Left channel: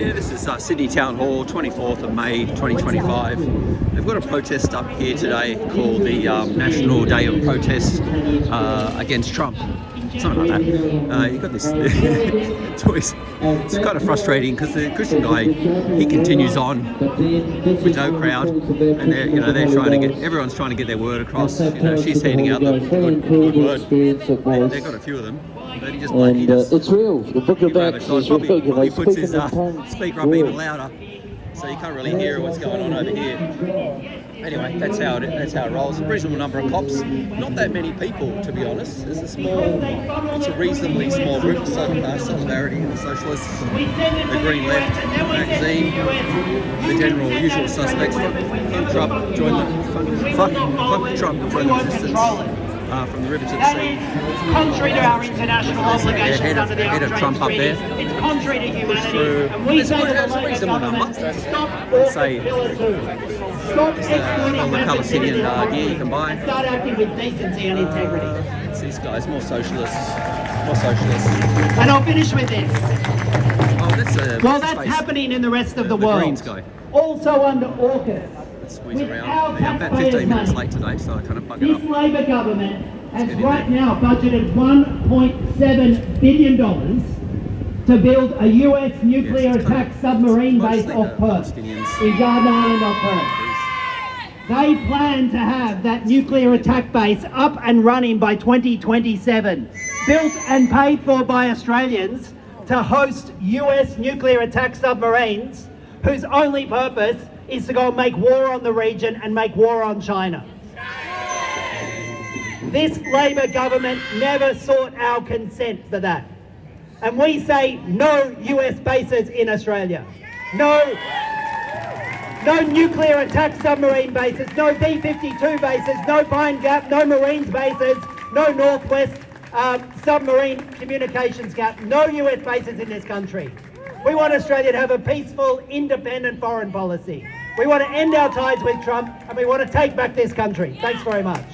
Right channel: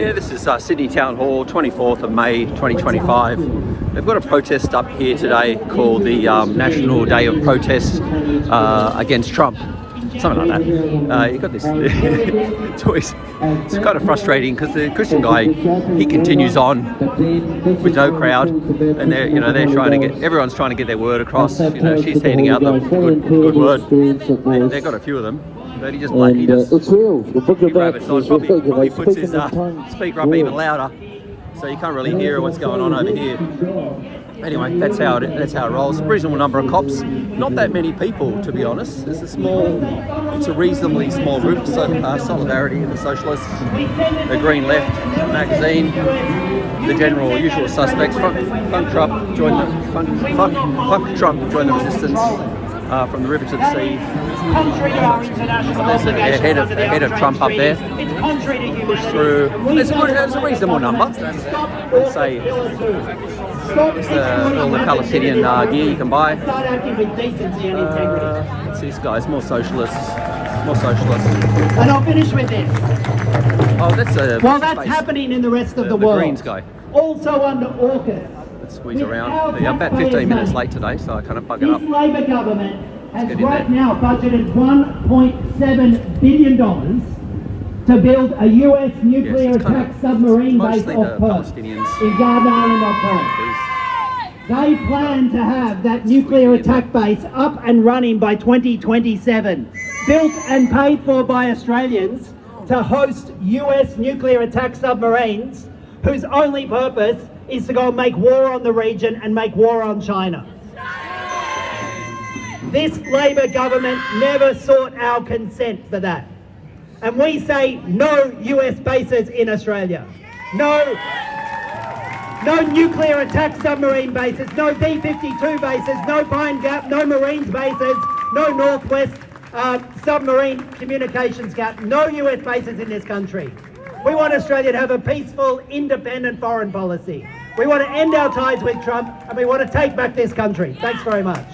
Yeah, this is Sydney Town Hall, 24th of May 2025. They've got a protest up here today called the National Day of Protest against Trump. Something like that. You've got this. It's kind of frustrating because the Christian guy, he continues on with no crowd, and they're trying to get, everyone's trying to get their word across. She's handing out the good word. They've got a few of them. But he just it's real. The Book of Acts is real. Probably puts his speaker up even louder, so you can't really hear what's going on over here. Anyway, that's how it rolls. A reasonable number of cops. Not that many people, to be honest. It's a reasonably small group. So solidarity in the Socialists, the Green Left magazine, the general usual suspects. Fuck Trump joined the resistance. From the river to the sea. It's contrary to our international obligations under the head of Trump up there. It's contrary to humanity. There's a reasonable number. Let's say it's all the Palestinian gear you can buy. Start acting with decency and integrity. It's these guys, more socialists. And I'll finish with this. Oh, that's happening in the rest of the world. Greens guy. Also under AUKUS. Squeeze around. I'm about 15 minutes late today, so I kind of bug it up. This Labor government has right now budgeted $1.7 billion to build a US nuclear attack submarine base off Perth in Garden Island off Perth. They plan to have that nuclear attack base up and running by 2027, built and paid for by Australians to host US nuclear attack submarines whose only purpose is to go and make war on the region and make war on China. This Labor government never sought our consent for that. And we say no US bases in Australia. No nuclear attack submarine bases, no B-52 bases, no Pine Gap, no Marines bases, no Northwest submarine communications gap, no US bases in this country. We want Australia to have a peaceful, independent foreign policy. We want to end our ties with Trump, and we want to take back this country. Thanks very much.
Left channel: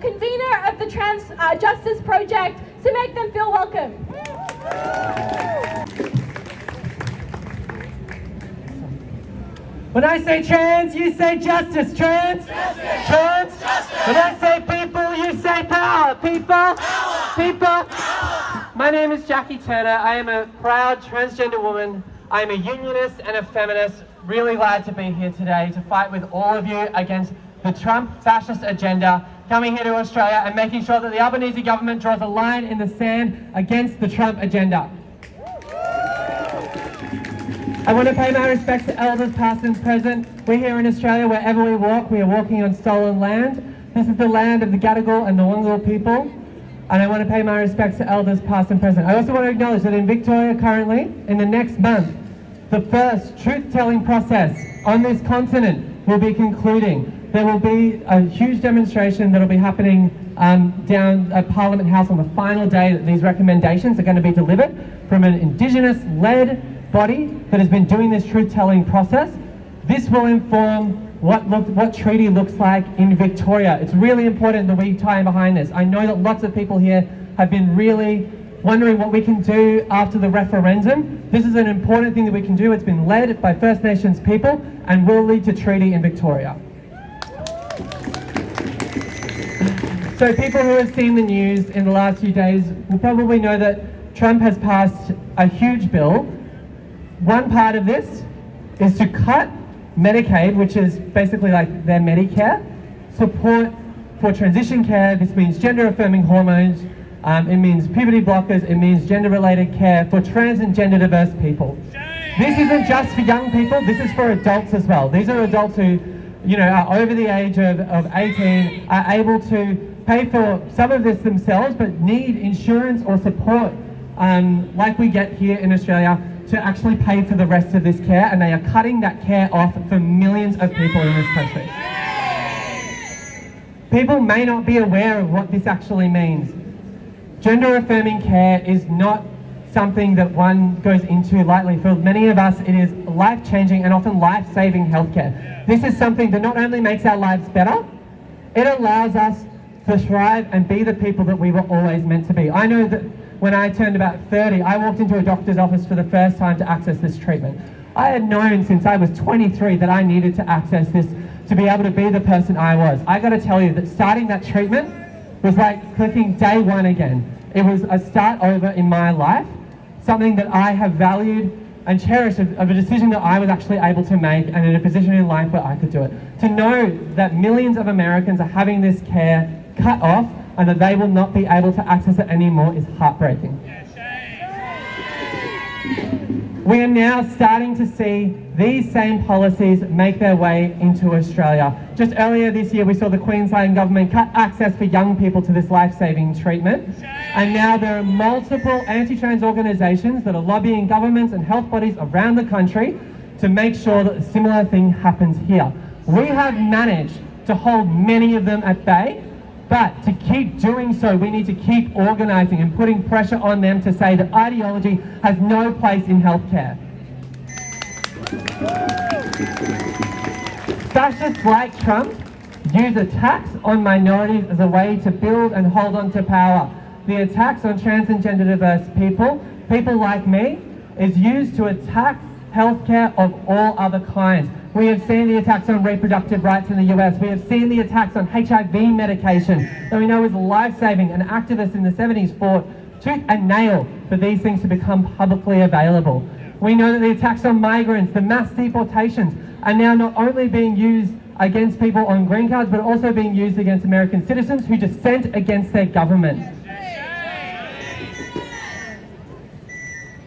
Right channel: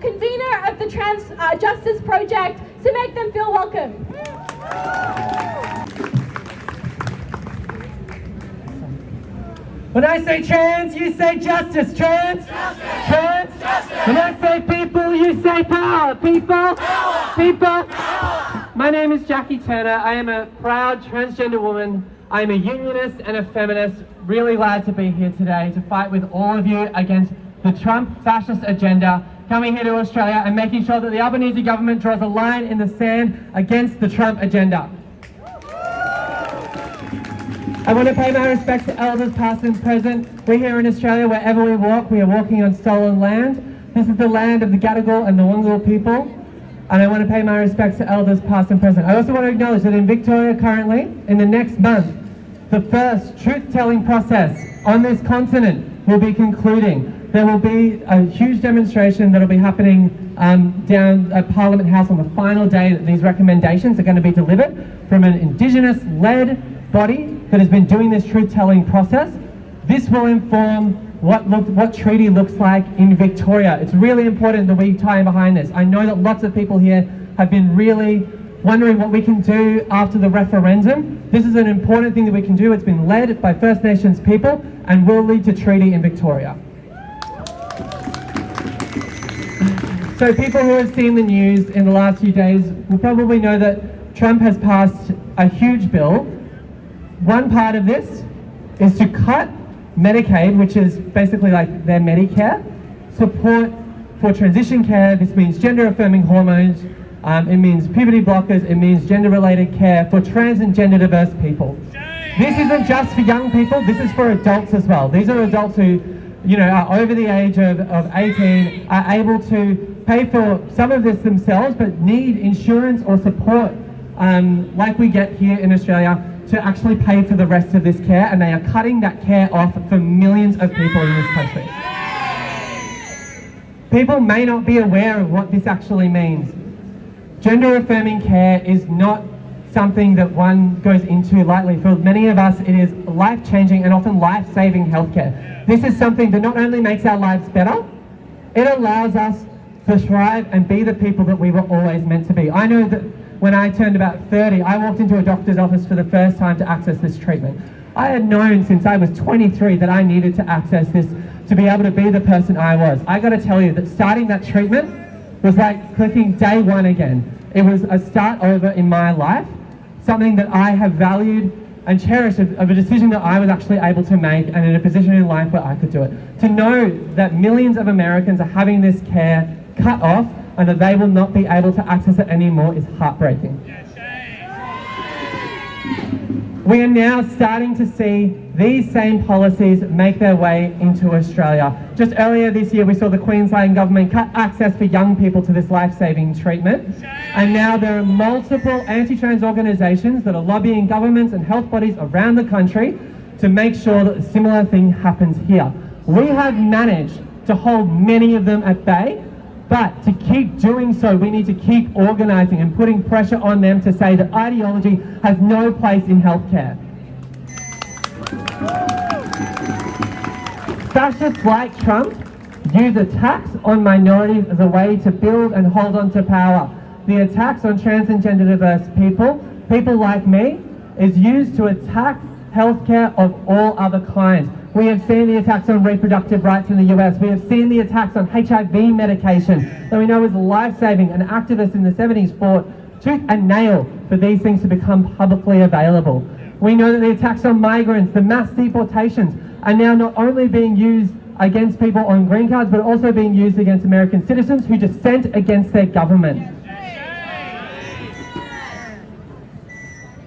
Convenor of the Trans Justice Project, to make them feel welcome. When I say trans, you say justice. Trans? Justice. Trans? Justice. When I say people, you say power. People? Power. People? Power. My name is Jackie Turner. I am a proud transgender woman. I am a unionist and a feminist. Really glad to be here today to fight with all of you against the Trump fascist agenda, coming here to Australia and making sure that the Albanese government draws a line in the sand against the Trump agenda. I want to pay my respects to elders past and present. We're here in Australia. Wherever we walk, we are walking on stolen land. This is the land of the Gadigal and the Wangal people. And I want to pay my respects to elders past and present. I also want to acknowledge that in Victoria currently, in the next month, the first truth-telling process on this continent will be concluding. There will be a huge demonstration that will be happening down at Parliament House on the final day that these recommendations are going to be delivered from an Indigenous-led body that has been doing this truth-telling process. This will inform what treaty looks like in Victoria. It's really important that we tie in behind this. I know that lots of people here have been really wondering what we can do after the referendum. This is an important thing that we can do. It's been led by First Nations people and will lead to treaty in Victoria. So people who have seen the news in the last few days will probably know that Trump has passed a huge bill. One part of this is to cut Medicaid, which is basically like their Medicare, support for transition care. This means gender-affirming hormones, it means puberty blockers, it means gender-related care for trans and gender-diverse people. This isn't just for young people, this is for adults as well. These are adults who, you know, are over the age of 18, are able to pay for some of this themselves, but need insurance or support, like we get here in Australia, to actually pay for the rest of this care, and they are cutting that care off for millions of people in this country. People may not be aware of what this actually means. Gender-affirming care is not something that one goes into lightly. For many of us, it is life-changing and often life-saving healthcare. This is something that not only makes our lives better, it allows us to thrive and be the people that we were always meant to be. I know that when I turned about 30, I walked into a doctor's office for the first time to access this treatment. I had known since I was 23 that I needed to access this to be able to be the person I was. I got to tell you that starting that treatment was like clicking day one again. It was a start over in my life, something that I have valued and cherished of a decision that I was actually able to make and in a position in life where I could do it. To know that millions of Americans are having this care cut off and that they will not be able to access it anymore is heartbreaking. We are now starting to see these same policies make their way into Australia. Just earlier this year we saw the Queensland government cut access for young people to this life-saving treatment, and now there are multiple anti-trans organisations that are lobbying governments and health bodies around the country to make sure that a similar thing happens here. We have managed to hold many of them at bay, but to keep doing so, we need to keep organising and putting pressure on them to say that ideology has no place in healthcare. Fascists like Trump use attacks on minorities as a way to build and hold on to power. The attacks on trans and gender diverse people like me, is used to attack healthcare of all other kinds. We have seen the attacks on reproductive rights in the US. We have seen the attacks on HIV medication that we know is life-saving, and activists in the 70s fought tooth and nail for these things to become publicly available. We know that the attacks on migrants, the mass deportations, are now not only being used against people on green cards, but also being used against American citizens who dissent against their government.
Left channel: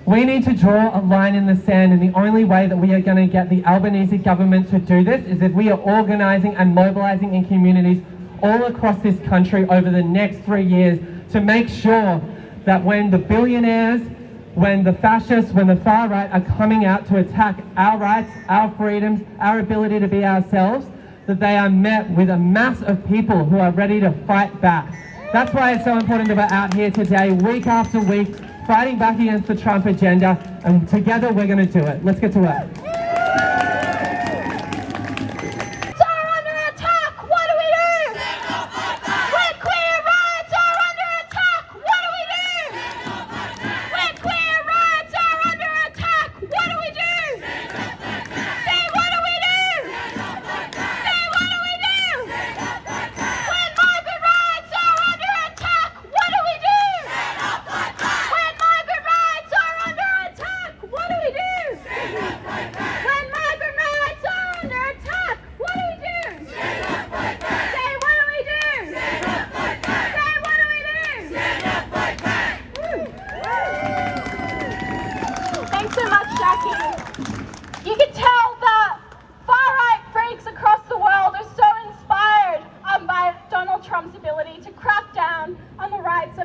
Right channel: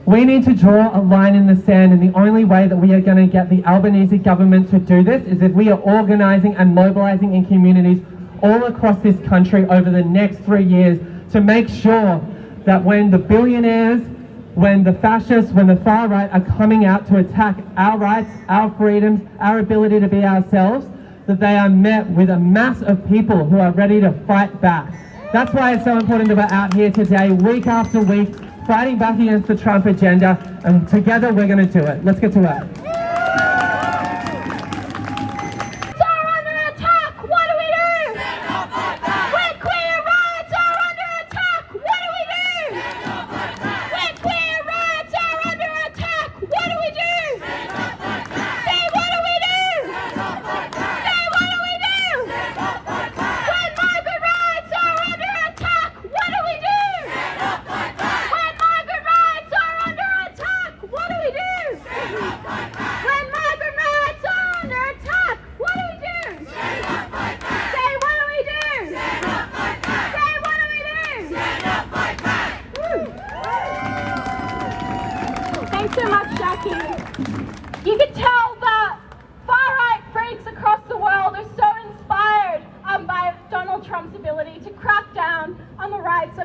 We need to draw a line in the sand, and the only way that we are going to get the Albanese government to do this is if we are organising and mobilising in communities all across this country over the next 3 years to make sure that when the billionaires, when the fascists, when the far right are coming out to attack our rights, our freedoms, our ability to be ourselves, that they are met with a mass of people who are ready to fight back. That's why it's so important that we're out here today, week after week, fighting back against the Trump agenda, and together we're going to do it. Let's get to work.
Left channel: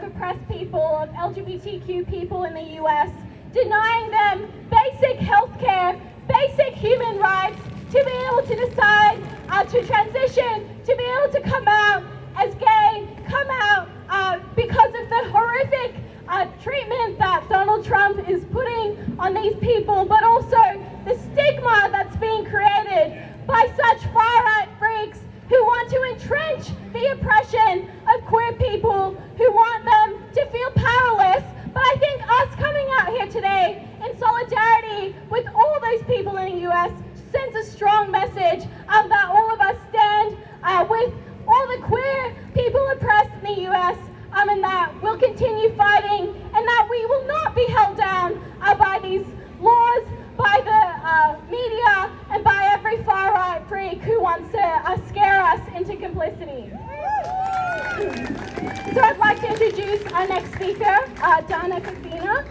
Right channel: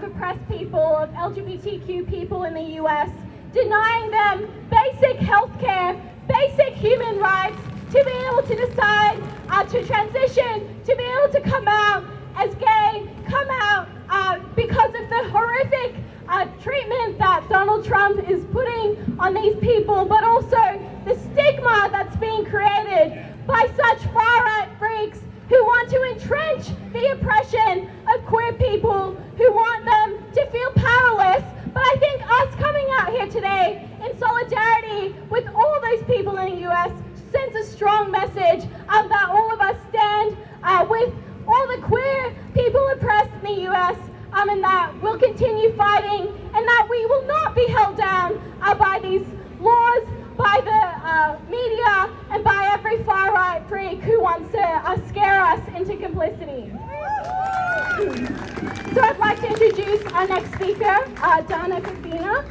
oppressed people, of LGBTQ people in the US, denying them basic health care, basic human rights, to be able to decide to transition, to be able to come out as gay, come out because of the horrific treatment that Donald Trump is putting on these people, but also the stigma that's being created by such far-right freaks who want to entrench the oppression of queer people, who want them to feel powerless. But I think us coming out here today in solidarity with all those people in the US sends a strong message that all of us stand with all the queer people oppressed in the US, and that we'll continue fighting, and that we will not be held down by these laws, by the media, and by every far-right freak who wants to scare us into complicity. So I'd like to introduce our next speaker, Dana Kafina.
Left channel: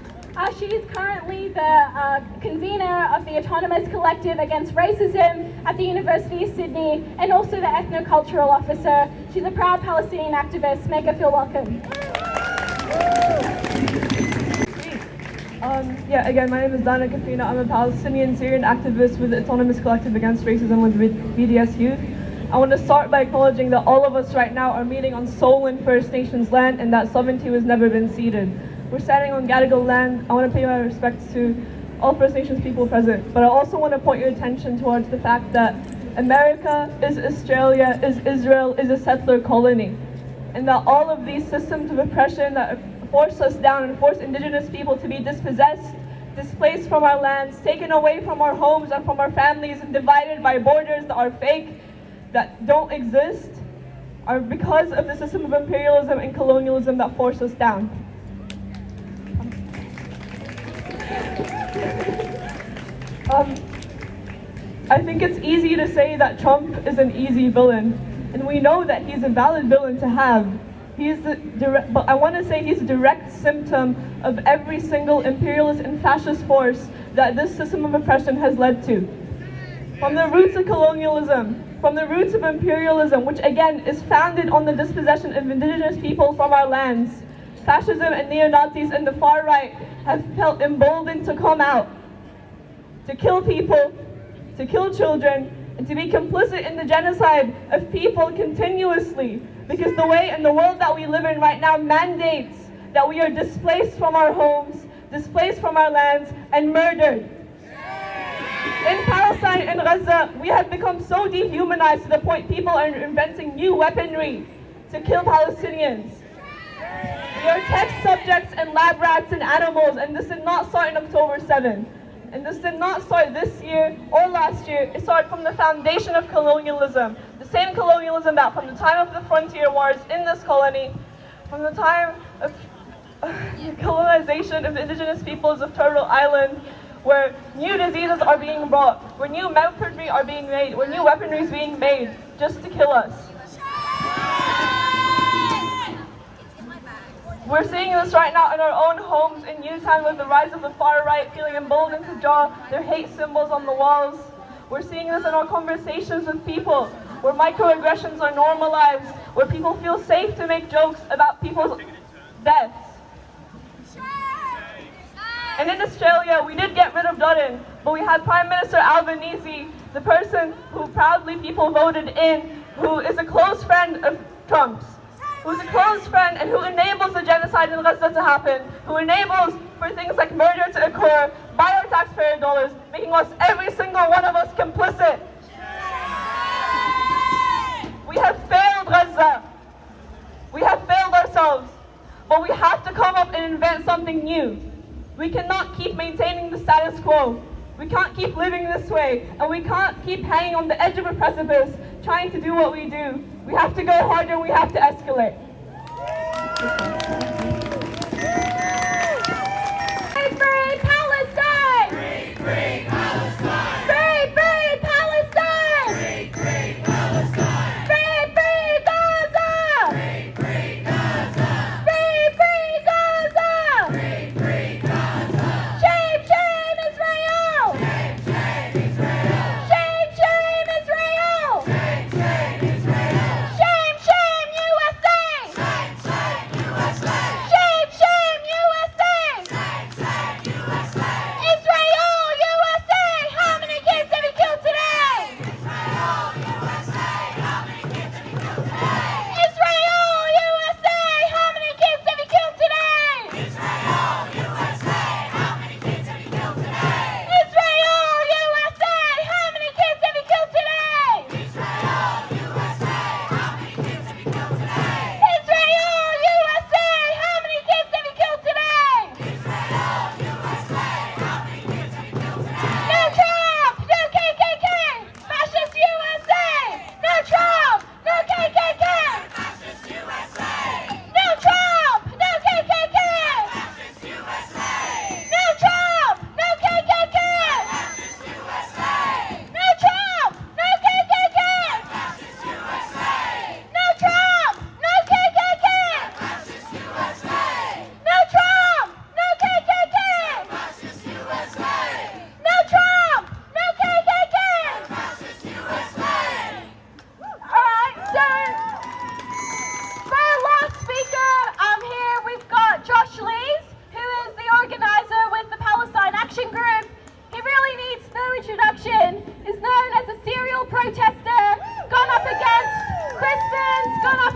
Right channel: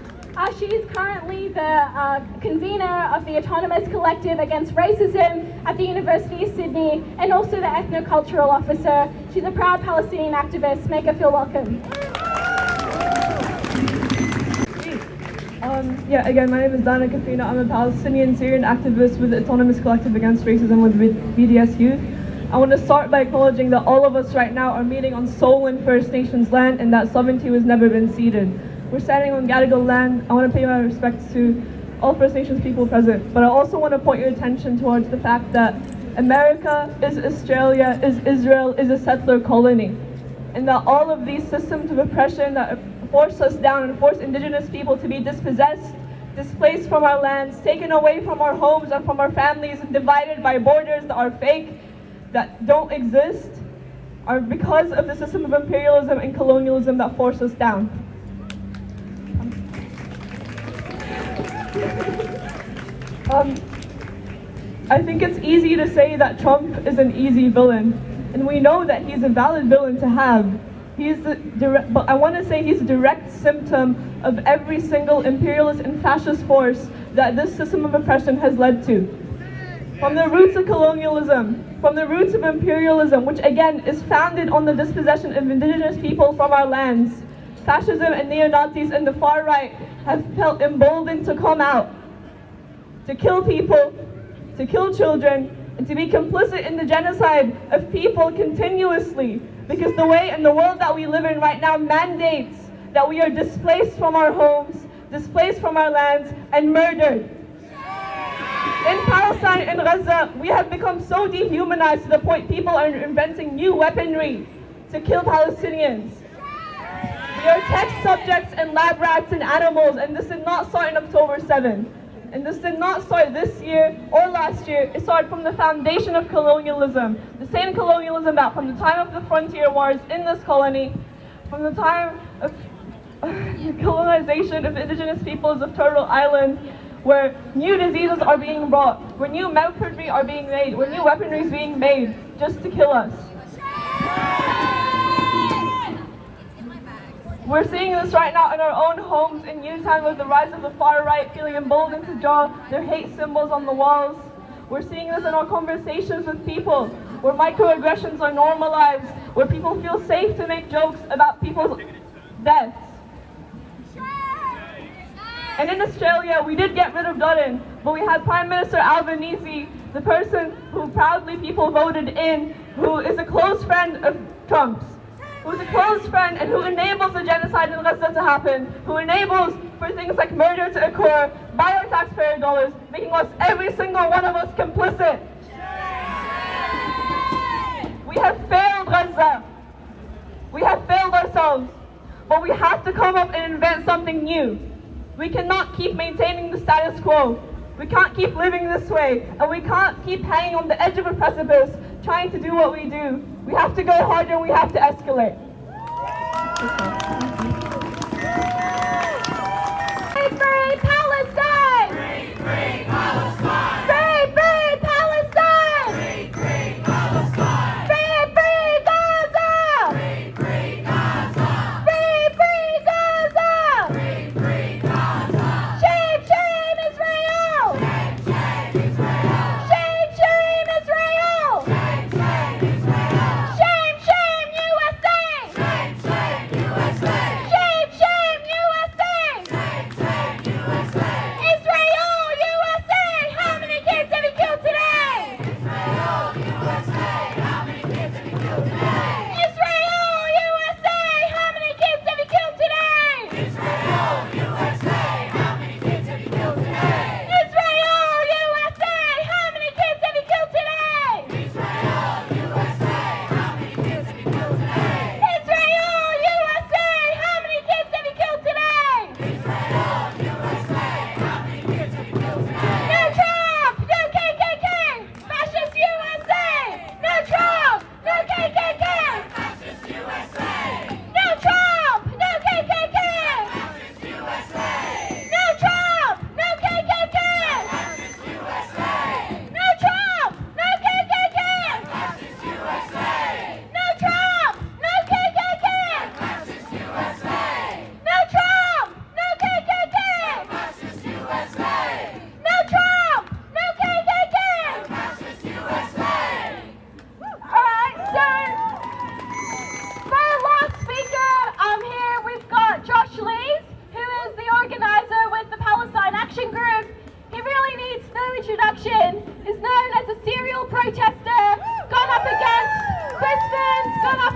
She is currently the convener of the Autonomous Collective Against Racism at the University of Sydney, and also the ethnocultural officer. She's a proud Palestinian activist. Make her feel welcome. Again, my name is Dana Kafina. I'm a Palestinian Syrian activist with the Autonomous Collective Against Racism with BDS Youth. I want to start by acknowledging that all of us right now are meeting on Solon First Nations land, and that sovereignty has never been ceded. We're standing on Gadigal land. I want to pay my respects to all First Nations people present, but I also want to point your attention towards the fact that America is Australia, is Israel, is a settler colony, and that all of these systems of oppression that force us down and force Indigenous people to be dispossessed, displaced from our lands, taken away from our homes and from our families, and divided by borders that are fake, that don't exist, are because of the system of imperialism and colonialism that force us down. I think it's easy to say that Trump is an easy villain, and we know that he's a valid villain to have. But I want to say he's a direct symptom of every single imperialist and fascist force that this system of oppression has led to. From the roots of colonialism, from the roots of imperialism, which again is founded on the dispossession of Indigenous people from our lands, fascism and neo-Nazis and the far right have felt emboldened to come out, to kill people, to kill children, and to be complicit in the genocide of people continuously, because the way and the world that we live in right now mandates that we are displaced from our homes, displaced from our lands, and murdered. In Palestine and Gaza, we have become so dehumanized to the point people are inventing new weaponry to kill Palestinians. We are test subjects and lab rats and animals, and this did not start on October 7th. And this did not start this year or last year. It started from the foundation of colonialism. The same colonialism that from the time of the frontier wars in this colony, from the time of colonization of indigenous peoples of Turtle Island, where new diseases are being brought, where new weaponry are being made, where new weaponry is being made just to kill us. We're seeing this right now in our own homes in Newtown with the rise of the far right feeling emboldened to draw their hate symbols on the walls. We're seeing this in our conversations with people, where microaggressions are normalized, where people feel safe to make jokes about people's deaths. And in Australia, we did get rid of Dutton, but we had Prime Minister Albanese, the person who proudly people voted in, who is a close friend of Trump's, who's a close friend and who enables the genocide in Gaza to happen, who enables for things like murder to occur by our taxpayer dollars, making us, every single one of us, complicit. We have failed Gaza. We have failed ourselves, but we have to come up and invent something new. We cannot keep maintaining the status quo. We can't keep living this way, and we can't keep hanging on the edge of a precipice trying to do what we do. We have to go harder, we have to escalate. Free, free Palestine! Free, free Palestine! Free, free Palestine! Free, free Palestine! Free, free Gaza! Free, free Gaza! Free, free Gaza! Free, free Gaza! Shame, shame Israel! Shame, shame Israel! Shame, shame Israel! Shame, shame Israel! Shame, shame USA! Shame, shame USA!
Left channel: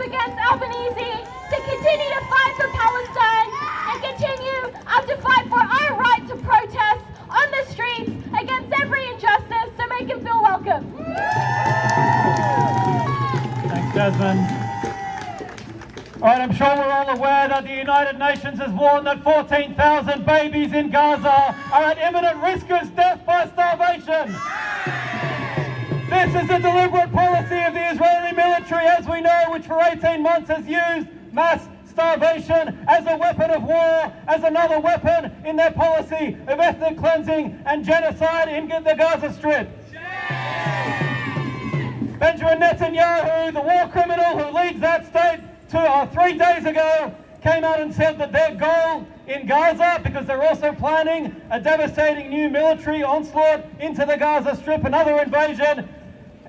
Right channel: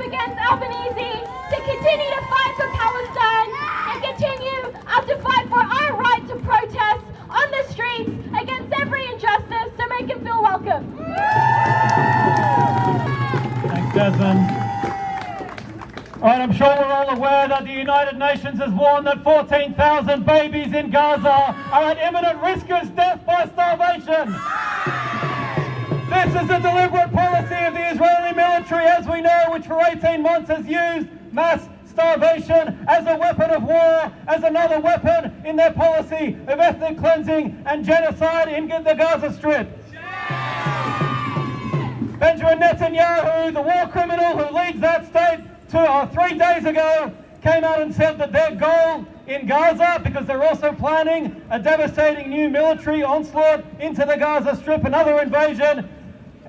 against Albanese to continue to fight for Palestine and continue to fight for our right to protest on the streets against every injustice to make him feel welcome. Thanks, Jasmine. Right, I'm sure we're all aware that the United Nations has warned that 14,000 babies in Gaza are at imminent risk of death by starvation. This is a deliberate policy of the Israeli military, as we know, which for 18 months has used mass starvation as a weapon of war, as another weapon in their policy of ethnic cleansing and genocide in the Gaza Strip. Benjamin Netanyahu, the war criminal who leads that state, 3 days ago came out and said that their goal in Gaza, because they're also planning a devastating new military onslaught into the Gaza Strip, another invasion,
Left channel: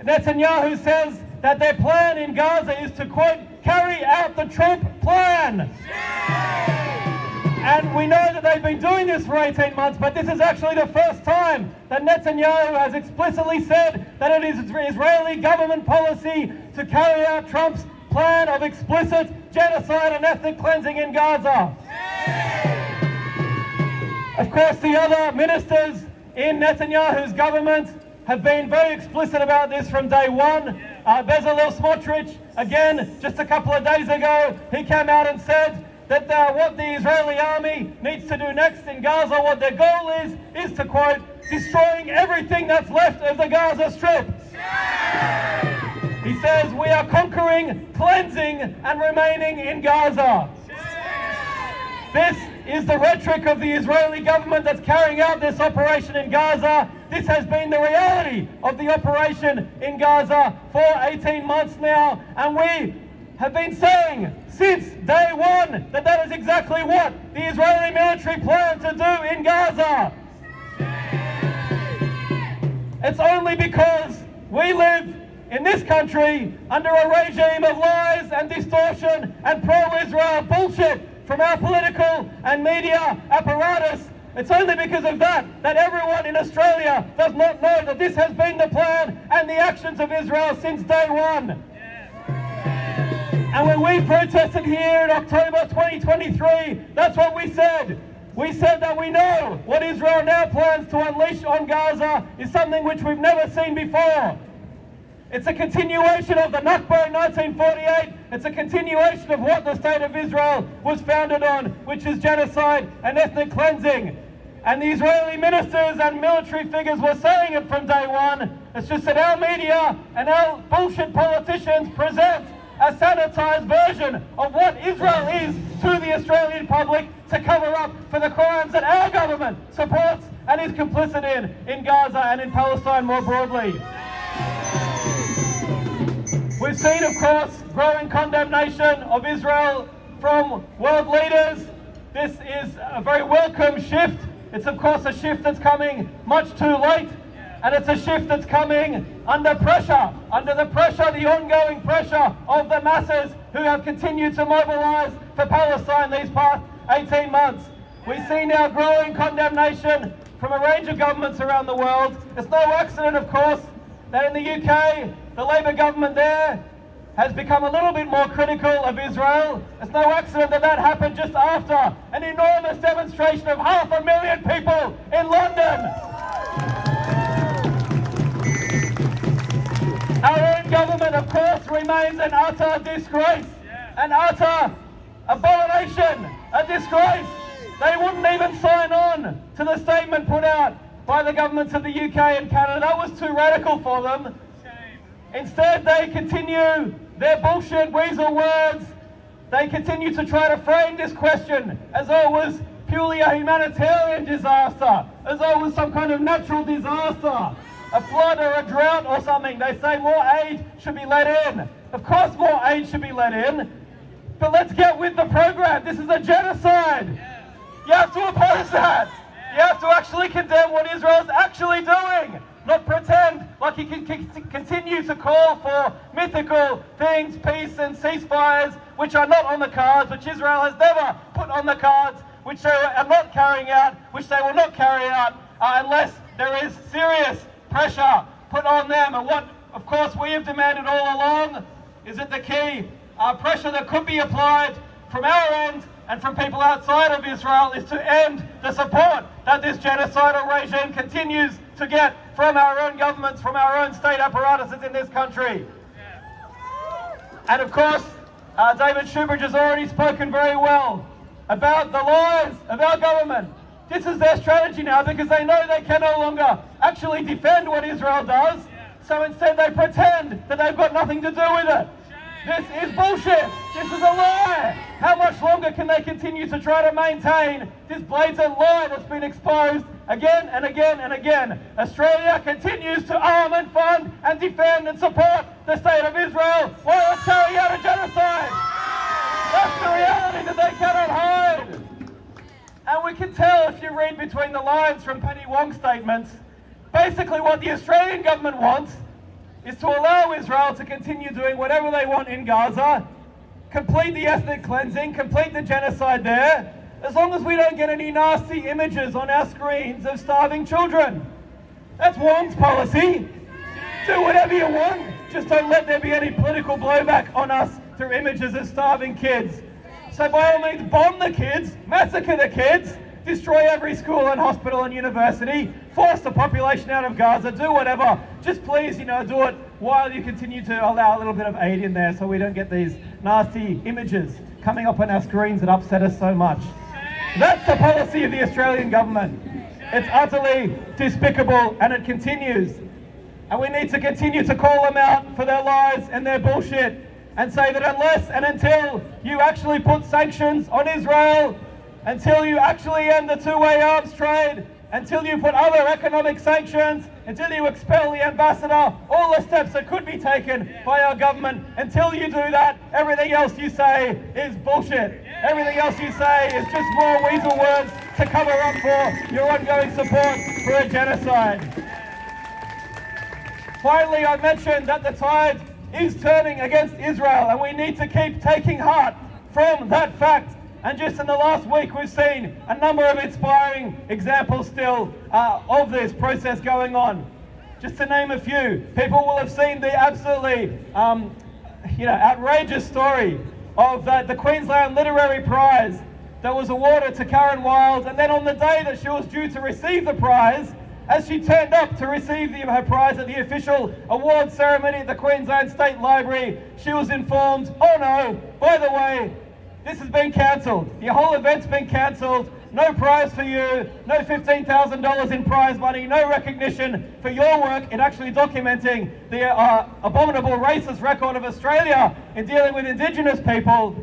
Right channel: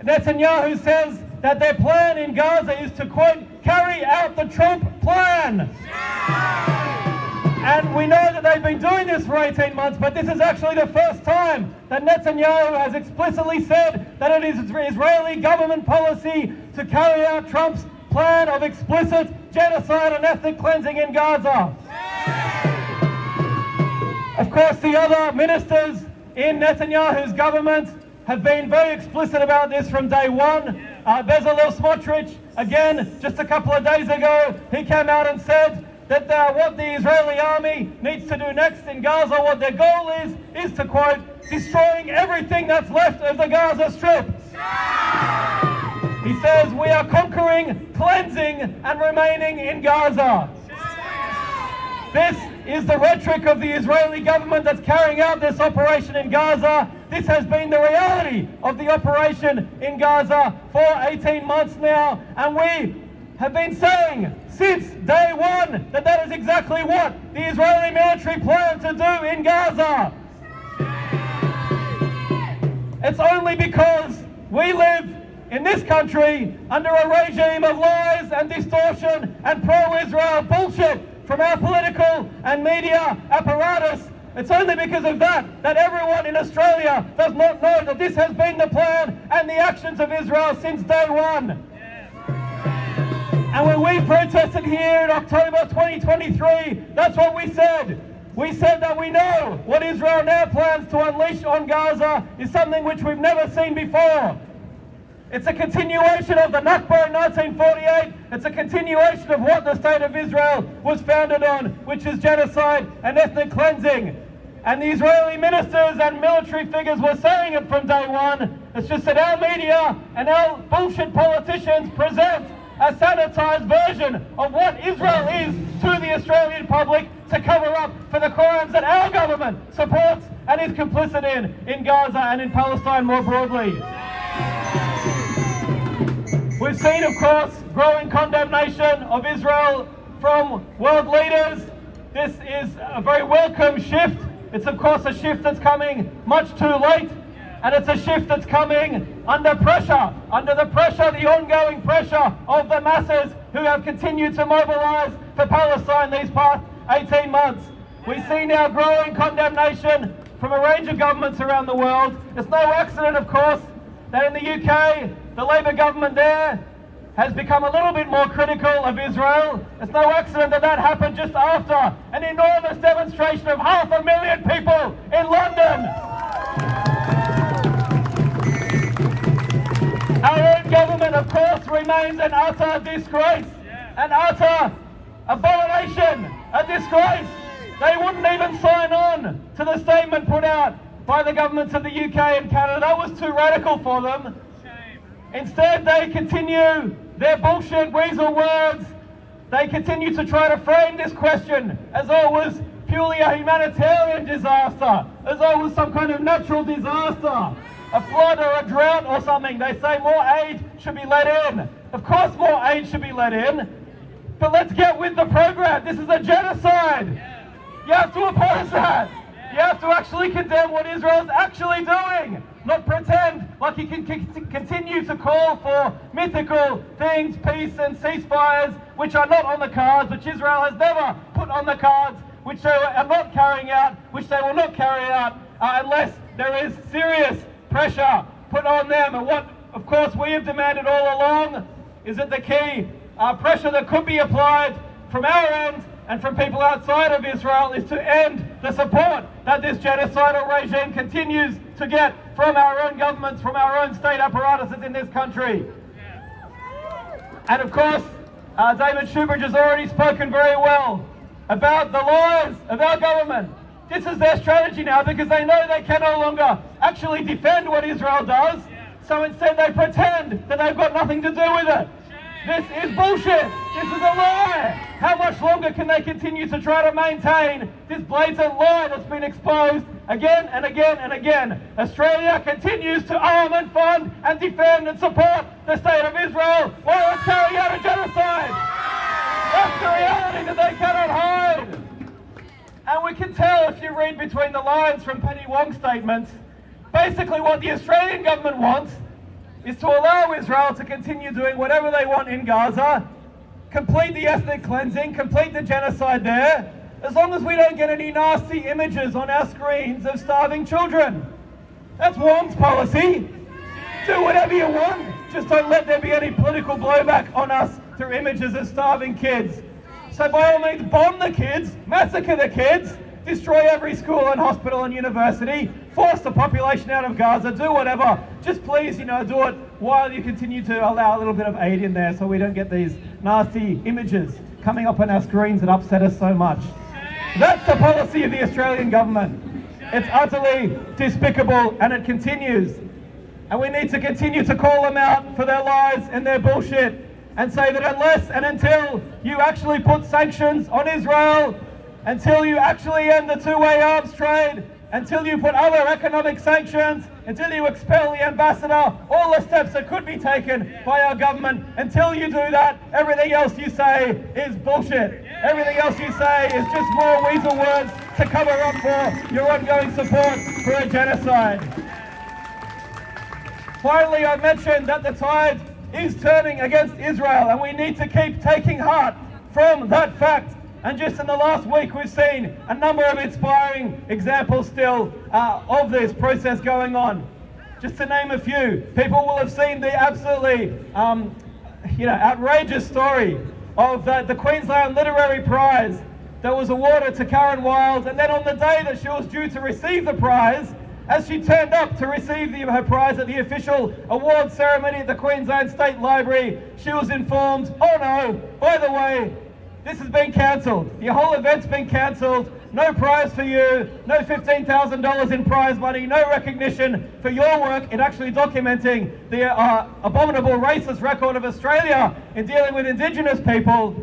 Netanyahu says that their plan in Gaza is to, quote, carry out the Trump plan. And we know that they've been doing this for 18 months, but this is actually the first time that Netanyahu has explicitly said that it is Israeli government policy to carry out Trump's plan of explicit genocide and ethnic cleansing in Gaza. Of course, the other ministers in Netanyahu's government have been very explicit about this from day one. Bezalel Smotrich, again, just a couple of days ago, he came out and said that what the Israeli army needs to do next in Gaza, what their goal is to, quote, destroying everything that's left of the Gaza Strip. He says, we are conquering, cleansing, and remaining in Gaza. This is the rhetoric of the Israeli government that's carrying out this operation in Gaza. This has been the reality of the operation in Gaza for 18 months now, and we have been saying since day one that that is exactly what the Israeli military planned to do in Gaza. It's only because we live in this country under a regime of lies and distortion and pro-Israel bullshit from our political and media apparatus. It's only because of that everyone in Australia does not know that this has been the plan and the actions of Israel since day one. And when we protested here in October 2023, that's what we said. We said that we know what Israel now plans to unleash on Gaza is something which we've never seen before. It's a continuation of the Nakba in 1948. It's a continuation of what the State of Israel was founded on, which is genocide and ethnic cleansing. And the Israeli ministers and military figures were saying it from day one. It's just that our media and our bullshit politicians present a sanitized version of what Israel is to the Australian public to cover up for the crimes that our government supports and is complicit in Gaza and in Palestine more broadly. We've seen, of course, growing condemnation of Israel from world leaders. This is a very welcome shift. It's, of course, a shift that's coming much too late, and it's a shift that's coming under pressure, the ongoing pressure of the masses who have continued to mobilize for Palestine these past 18 months. We see now growing condemnation from a range of governments around the world. It's no accident, of course, that in the UK, the Labour government there has become a little bit more critical of Israel. It's no accident that that happened just after an enormous demonstration of 500,000 people in London. Our own government, of course, remains an utter disgrace, an utter abomination, a disgrace. They wouldn't even sign on to the statement put out by the governments of the UK and Canada. That was too radical for them. Instead, they continue their bullshit weasel words. They continue to try to frame this question as though it was purely a humanitarian disaster, as though it was some kind of natural disaster, a flood or a drought or something. They say more aid should be let in. Of course more aid should be let in, but let's get with the program. This is a genocide. You have to oppose that. You have to actually condemn what Israel's actually doing, not pretend like he can continue to call for mythical things, peace and ceasefires, which are not on the cards, which Israel has never put on the cards, which they are not carrying out, which they will not carry out unless there is serious pressure put on them. And what, of course, we have demanded all along is that the key pressure that could be applied from our end and from people outside of Israel is to end the support that this genocidal regime continues to get from our own governments, from our own state apparatuses in this country. And of course, David Shoebridge has already spoken very well about the lies of our government. This is their strategy now because they know they can no longer actually defend what Israel does. So instead they pretend that they've got nothing to do with it. This is bullshit. This is a lie. How much longer can they continue to try to maintain this blatant lie that's been exposed again and again and again? Australia continues to arm and fund and defend and support the state of Israel while it's carrying out a genocide. That's the reality that they cannot hide. And we can tell if you read between the lines from Penny Wong's statements, basically what the Australian government wants is to allow Israel to continue doing whatever they want in Gaza, complete the ethnic cleansing, complete the genocide there, as long as we don't get any nasty images on our screens of starving children. That's Wong's policy. Do whatever you want, just don't let there be any political blowback on us through images of starving kids. So by all means, bomb the kids, massacre the kids, destroy every school and hospital and university, force the population out of Gaza, do whatever. Just please, do it while you continue to allow a little bit of aid in there so we don't get these nasty images coming up on our screens that upset us so much. That's the policy of the Australian government. It's utterly despicable and it continues. And we need to continue to call them out for their lies and their bullshit and say that unless and until you actually put sanctions on Israel, until you actually end the two-way arms trade, until you put other economic sanctions, until you expel the ambassador, all the steps that could be taken by our government, until you do that, everything else you say is bullshit. Everything else you say is just more weasel words to cover up for your ongoing support for a genocide. Finally, I mentioned that the tide is turning against Israel and we need to keep taking heart from that fact. And just in the last week, we've seen a number of inspiring examples still of this process going on. Just to name a few, people will have seen the absolutely, outrageous story of the Queensland Literary Prize that was awarded to Karen Wilde. And then on the day that she was due to receive the prize, as she turned up to receive her prize at the official award ceremony at the Queensland State Library, she was informed, oh no, by the way, this has been cancelled. Your whole event's been cancelled. No prize for you. No $15,000 in prize money. No recognition for your work in actually documenting the abominable racist record of Australia in dealing with Indigenous people.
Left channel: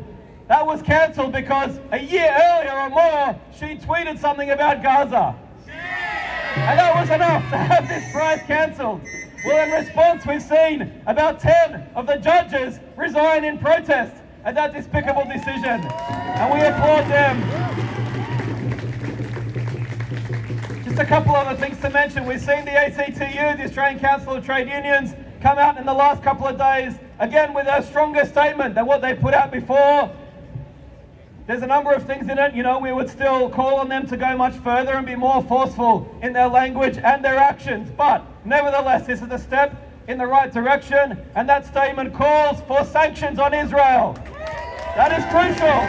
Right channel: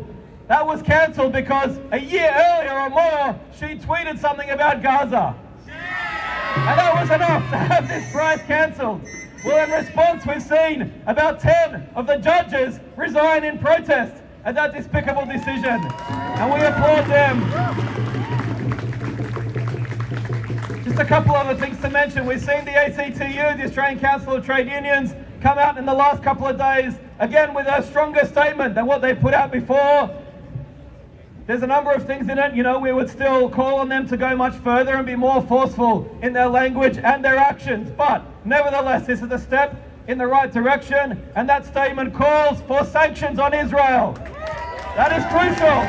That was cancelled because a year earlier or more, she tweeted something about Gaza. And that was enough to have this prize cancelled. Well, in response, we've seen about 10 of the judges resign in protest at that despicable decision, and we applaud them. Just a couple other things to mention. We've seen the ACTU, the Australian Council of Trade Unions, come out in the last couple of days, again with a stronger statement than what they put out before. There's a number of things in it, we would still call on them to go much further and be more forceful in their language and their actions, but nevertheless, this is a step in the right direction, and that statement calls for sanctions on Israel. That is crucial.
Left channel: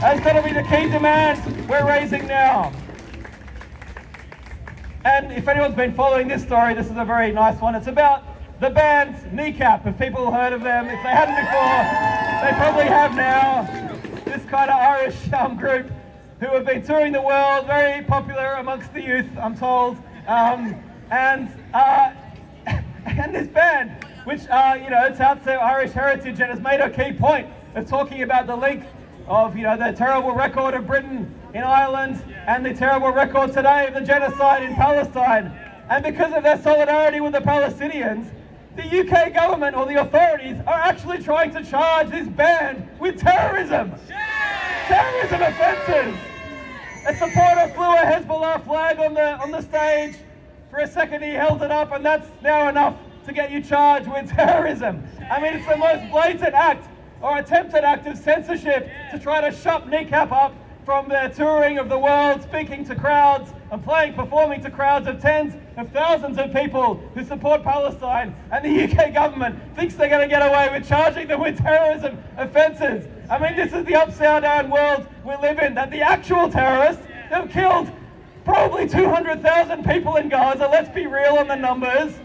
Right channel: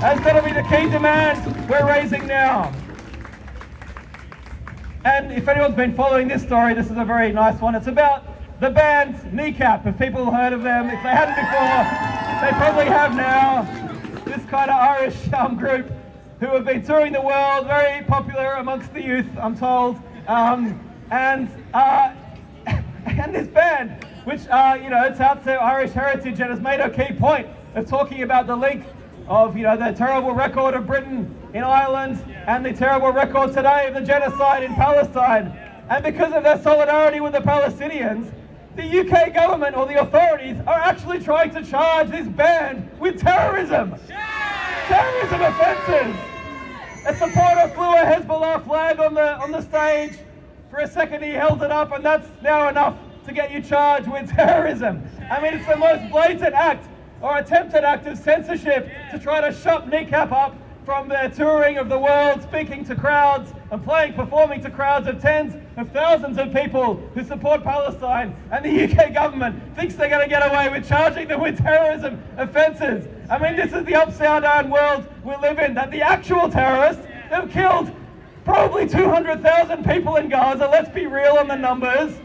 That's going to be the key demand we're raising now. And if anyone's been following this story, this is a very nice one. It's about the band Kneecap. If people have heard of them, if they hadn't before, they probably have now. This kind of Irish group who have been touring the world, very popular amongst the youth, I'm told. And this band, which it's out to Irish heritage and has made a key point of talking about the link of the terrible record of Britain in Ireland and the terrible record today of the genocide in Palestine. And because of their solidarity with the Palestinians, the UK government or the authorities are actually trying to charge this band with terrorism. Terrorism offences. A supporter flew a Hezbollah flag on the stage. For a second he held it up, and that's now enough to get you charged with terrorism. I mean, it's the most blatant act or attempted act of censorship to try to shut Kneecap up from their touring of the world, speaking to crowds and performing to crowds of tens of thousands of people who support Palestine, and the UK government thinks they're going to get away with charging them with terrorism offences. I mean, this is the upside down world we live in, that the actual terrorists, they've killed probably 200,000 people in Gaza, let's be real on the numbers.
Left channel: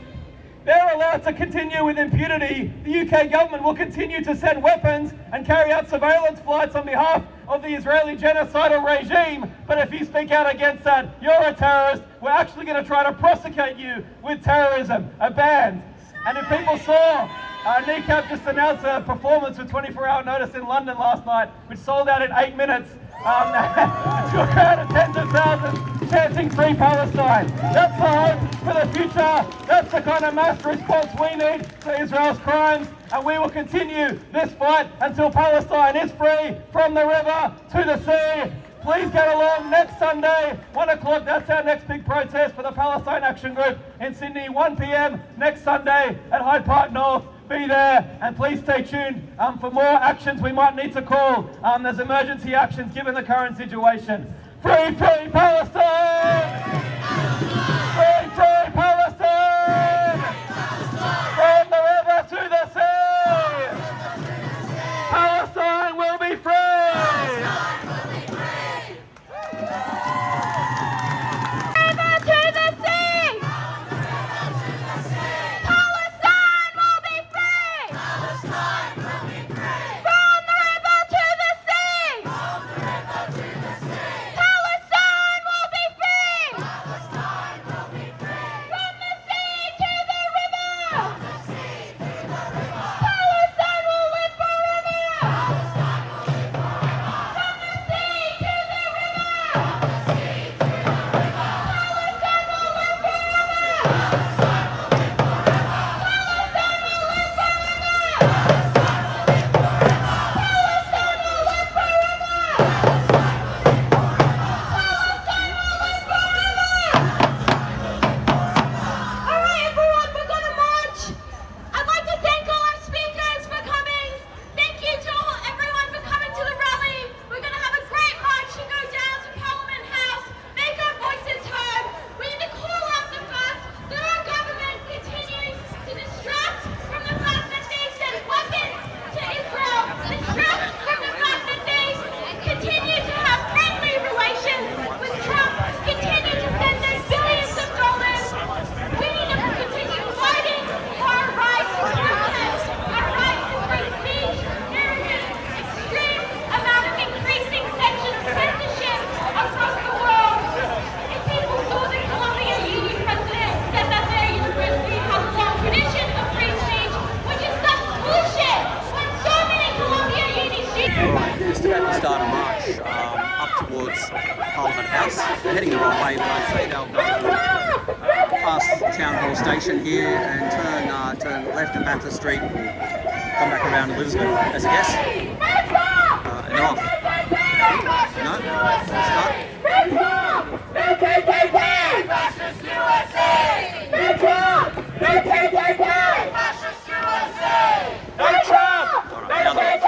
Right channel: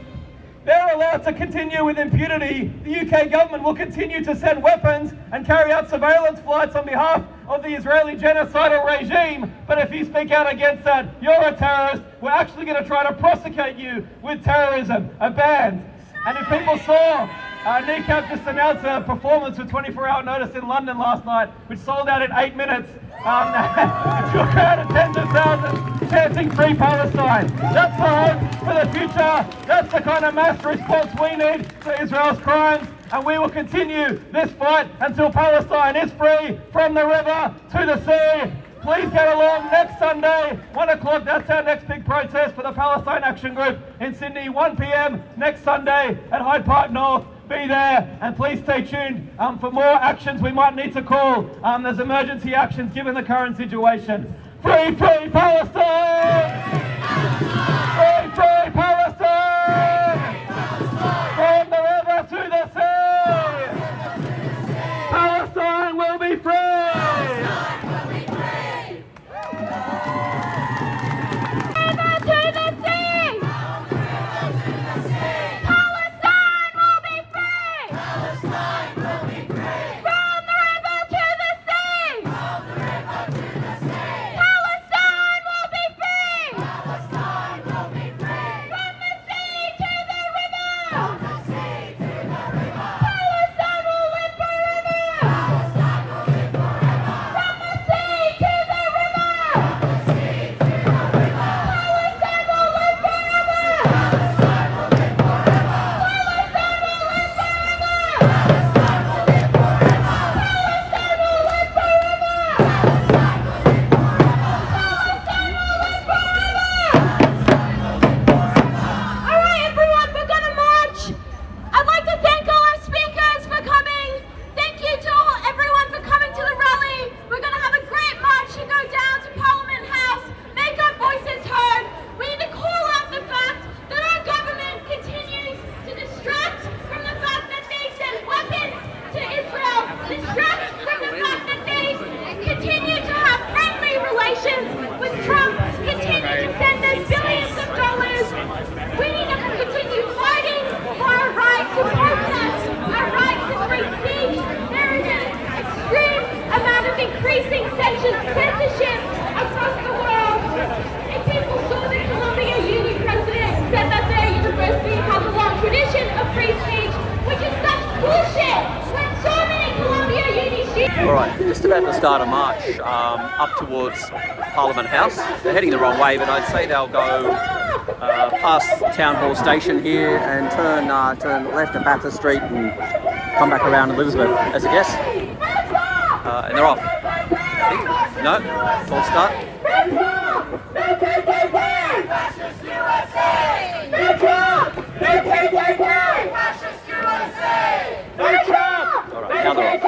They're allowed to continue with impunity. The UK government will continue to send weapons and carry out surveillance flights on behalf of the Israeli genocidal regime. But if you speak out against that, you're a terrorist. We're actually going to try to prosecute you with terrorism, a ban. And if people saw, NECAP just announced a performance with 24-hour notice in London last night, which sold out in 8 minutes. It drew a crowd of tens of thousands chanting Free Palestine. That's the hope for the future. That's the kind of mass response we need to Israel's crimes. And we will continue this fight until Palestine is free from the river to the sea. Please get along next Sunday, 1 o'clock. That's our next big protest for the Palestine Action Group in Sydney, 1 p.m. next Sunday at Hyde Park North. Be there, and please stay tuned for more actions we might need to call. There's emergency actions given the current situation. Free, free Palestine! Free, free Palestine! From the river to the sea! Palestine will be free! Censorship across the world. And people saw that Columbia Uni president said that their university has a long tradition of free speech, which is such bullshit. When so many Columbia Uni students... Alright, just about to start a march up towards Parliament House. They're heading the wrong way, but I'd say they'll go past Town Hall Station here and turn left at Bathurst Street and come back around Elizabeth as a guess. And they're off. No? False start? Alright, now they're off.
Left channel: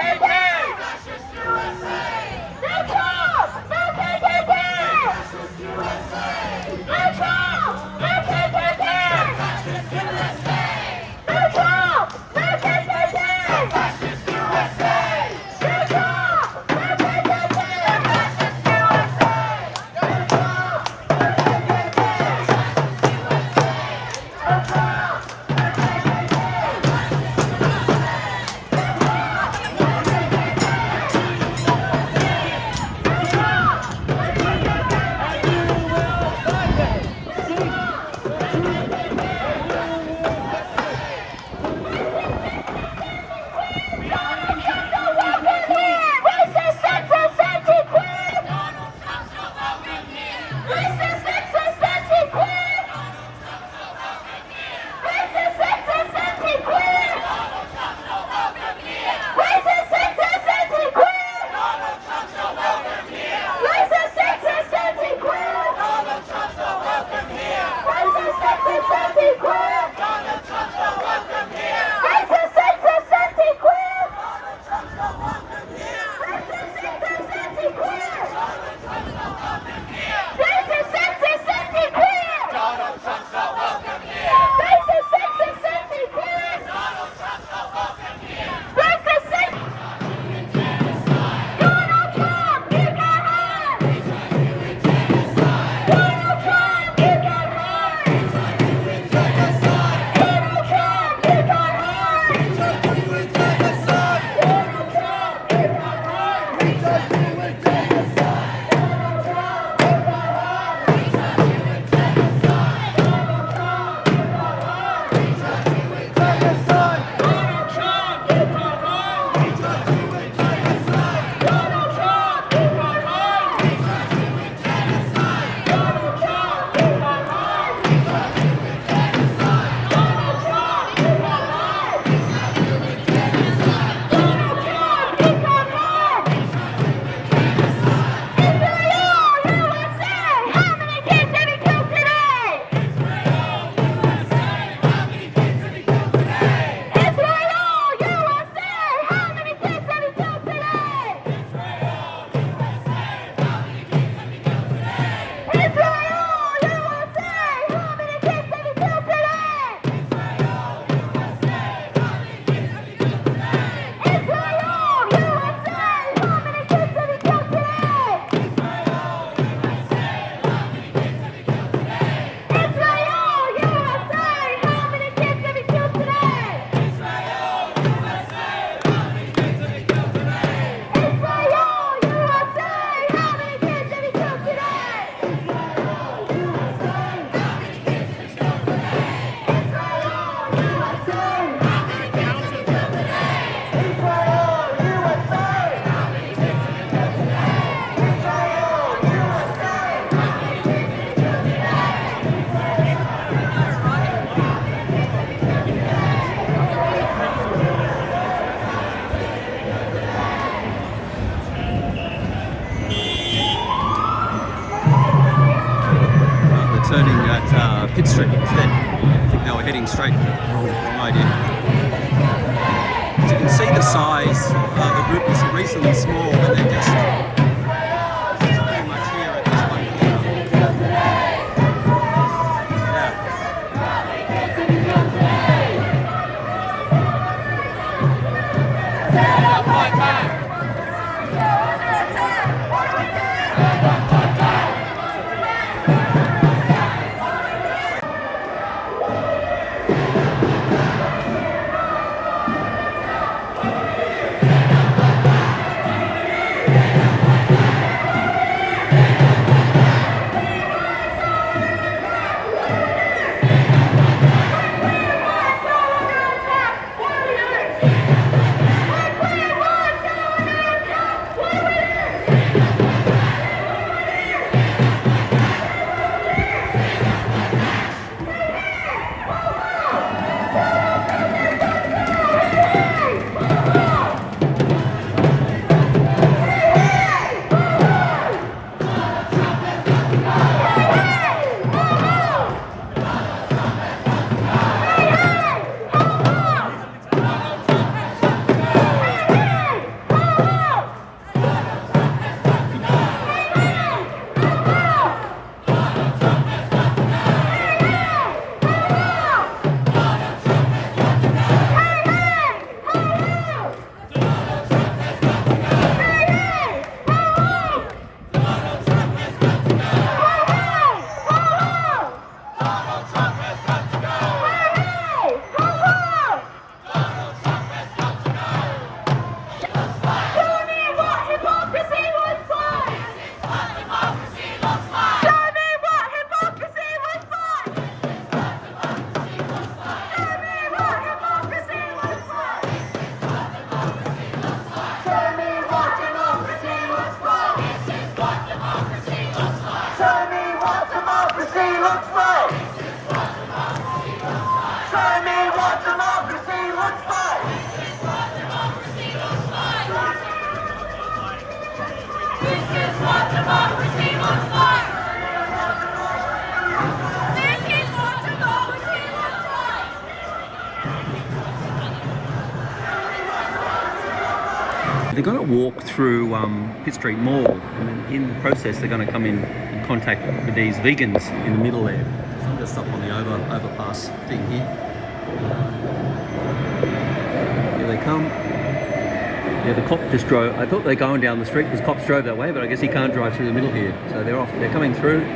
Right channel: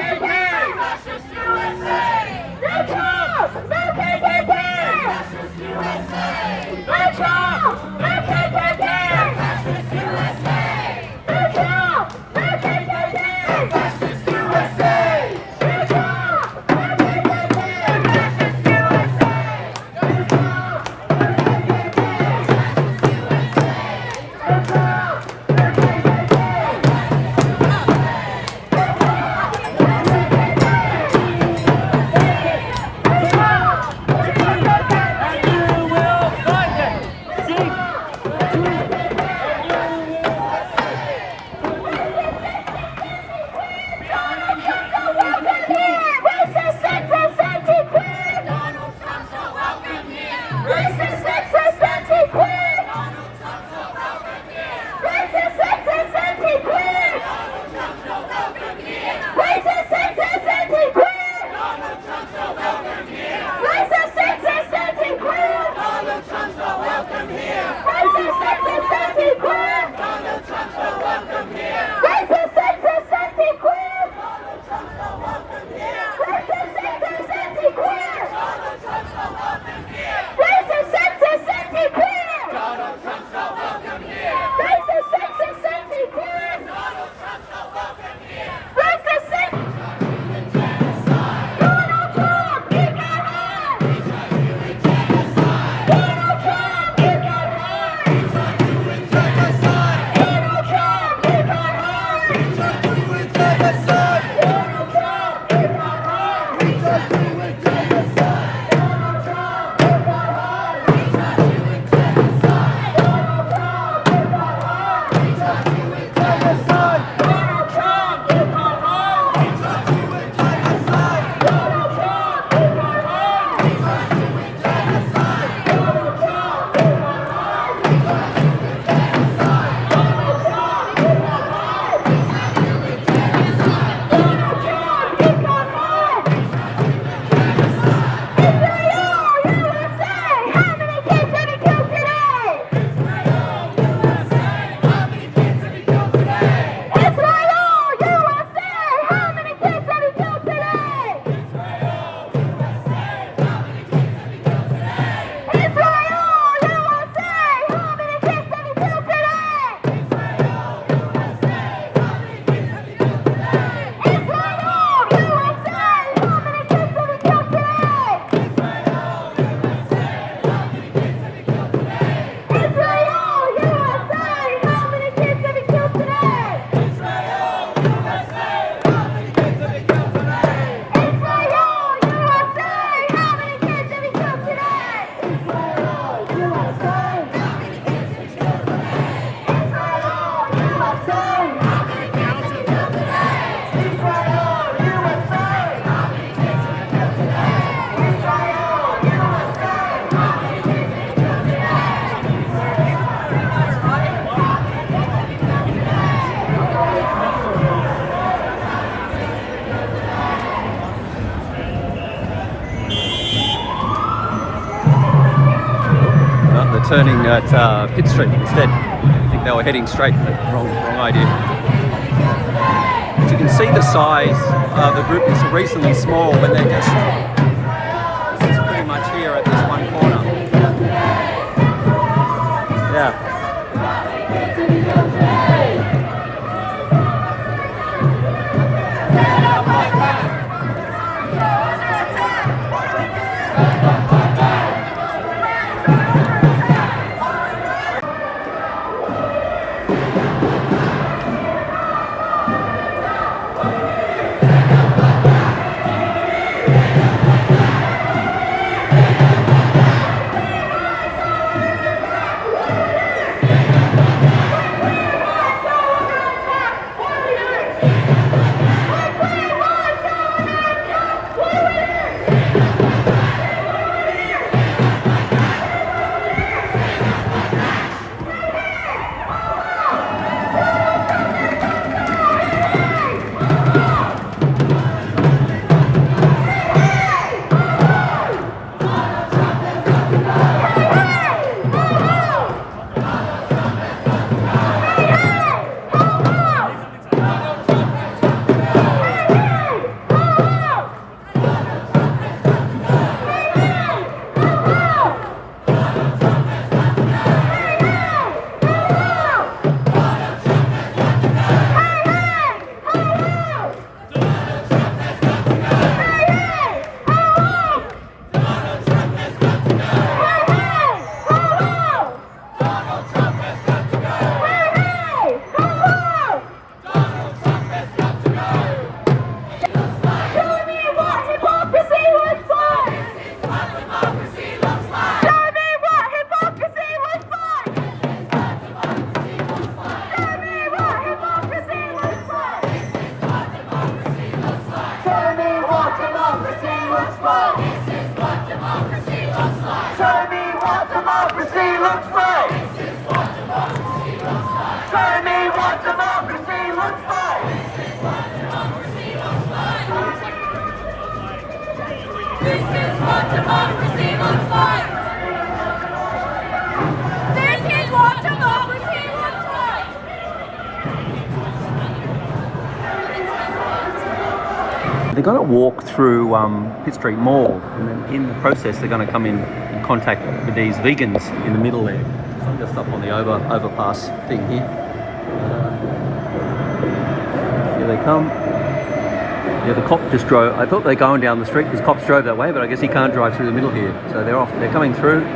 turning at Pitt Street instead. I think they were heading straight, but wrong idea. As you can see, the size of the group is reasonably small, but they're just pretty much here at this one corner. Yeah. They're going to walk through Pitt Street Mall, and then in the process they're going to come in contact with these vegans in the middle there. So I'm just up on the overpass thing here. Here they come. Yeah, the cop just drove. I thought they were going down the street because cops drove that way, but I guess he can't drive through the middle here. So they're off. They're coming through.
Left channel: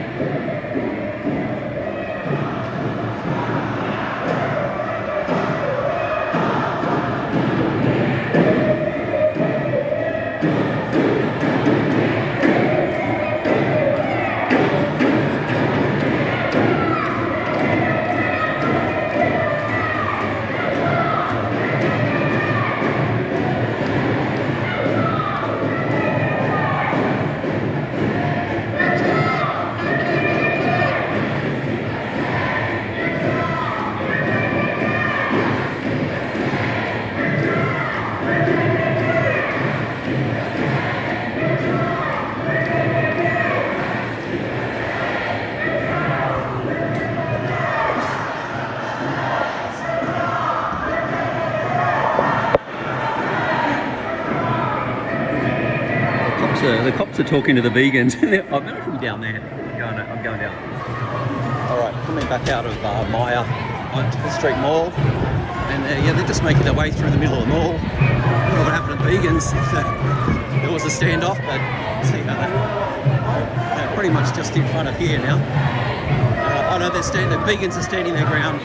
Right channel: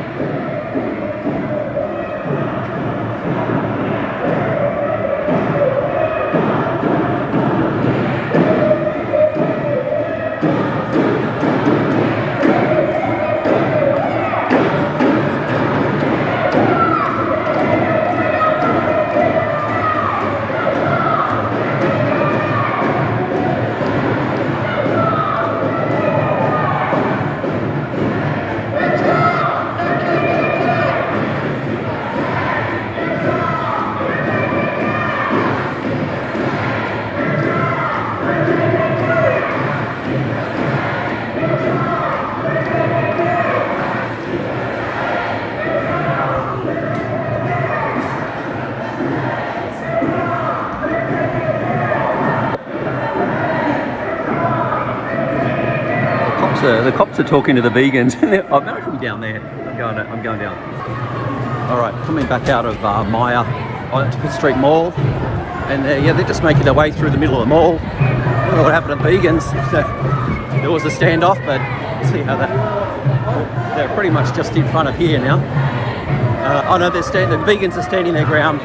The cops are talking to the vegans. I'm actually down there. I'm going down. All right, coming back out of Maya on Pitt Street Mall, and yeah, they're just making their way through the middle of the mall. I don't know what happened to vegans. There was a standoff, but see how that. They're pretty much just in front of here now. Oh no, the vegans are standing their ground.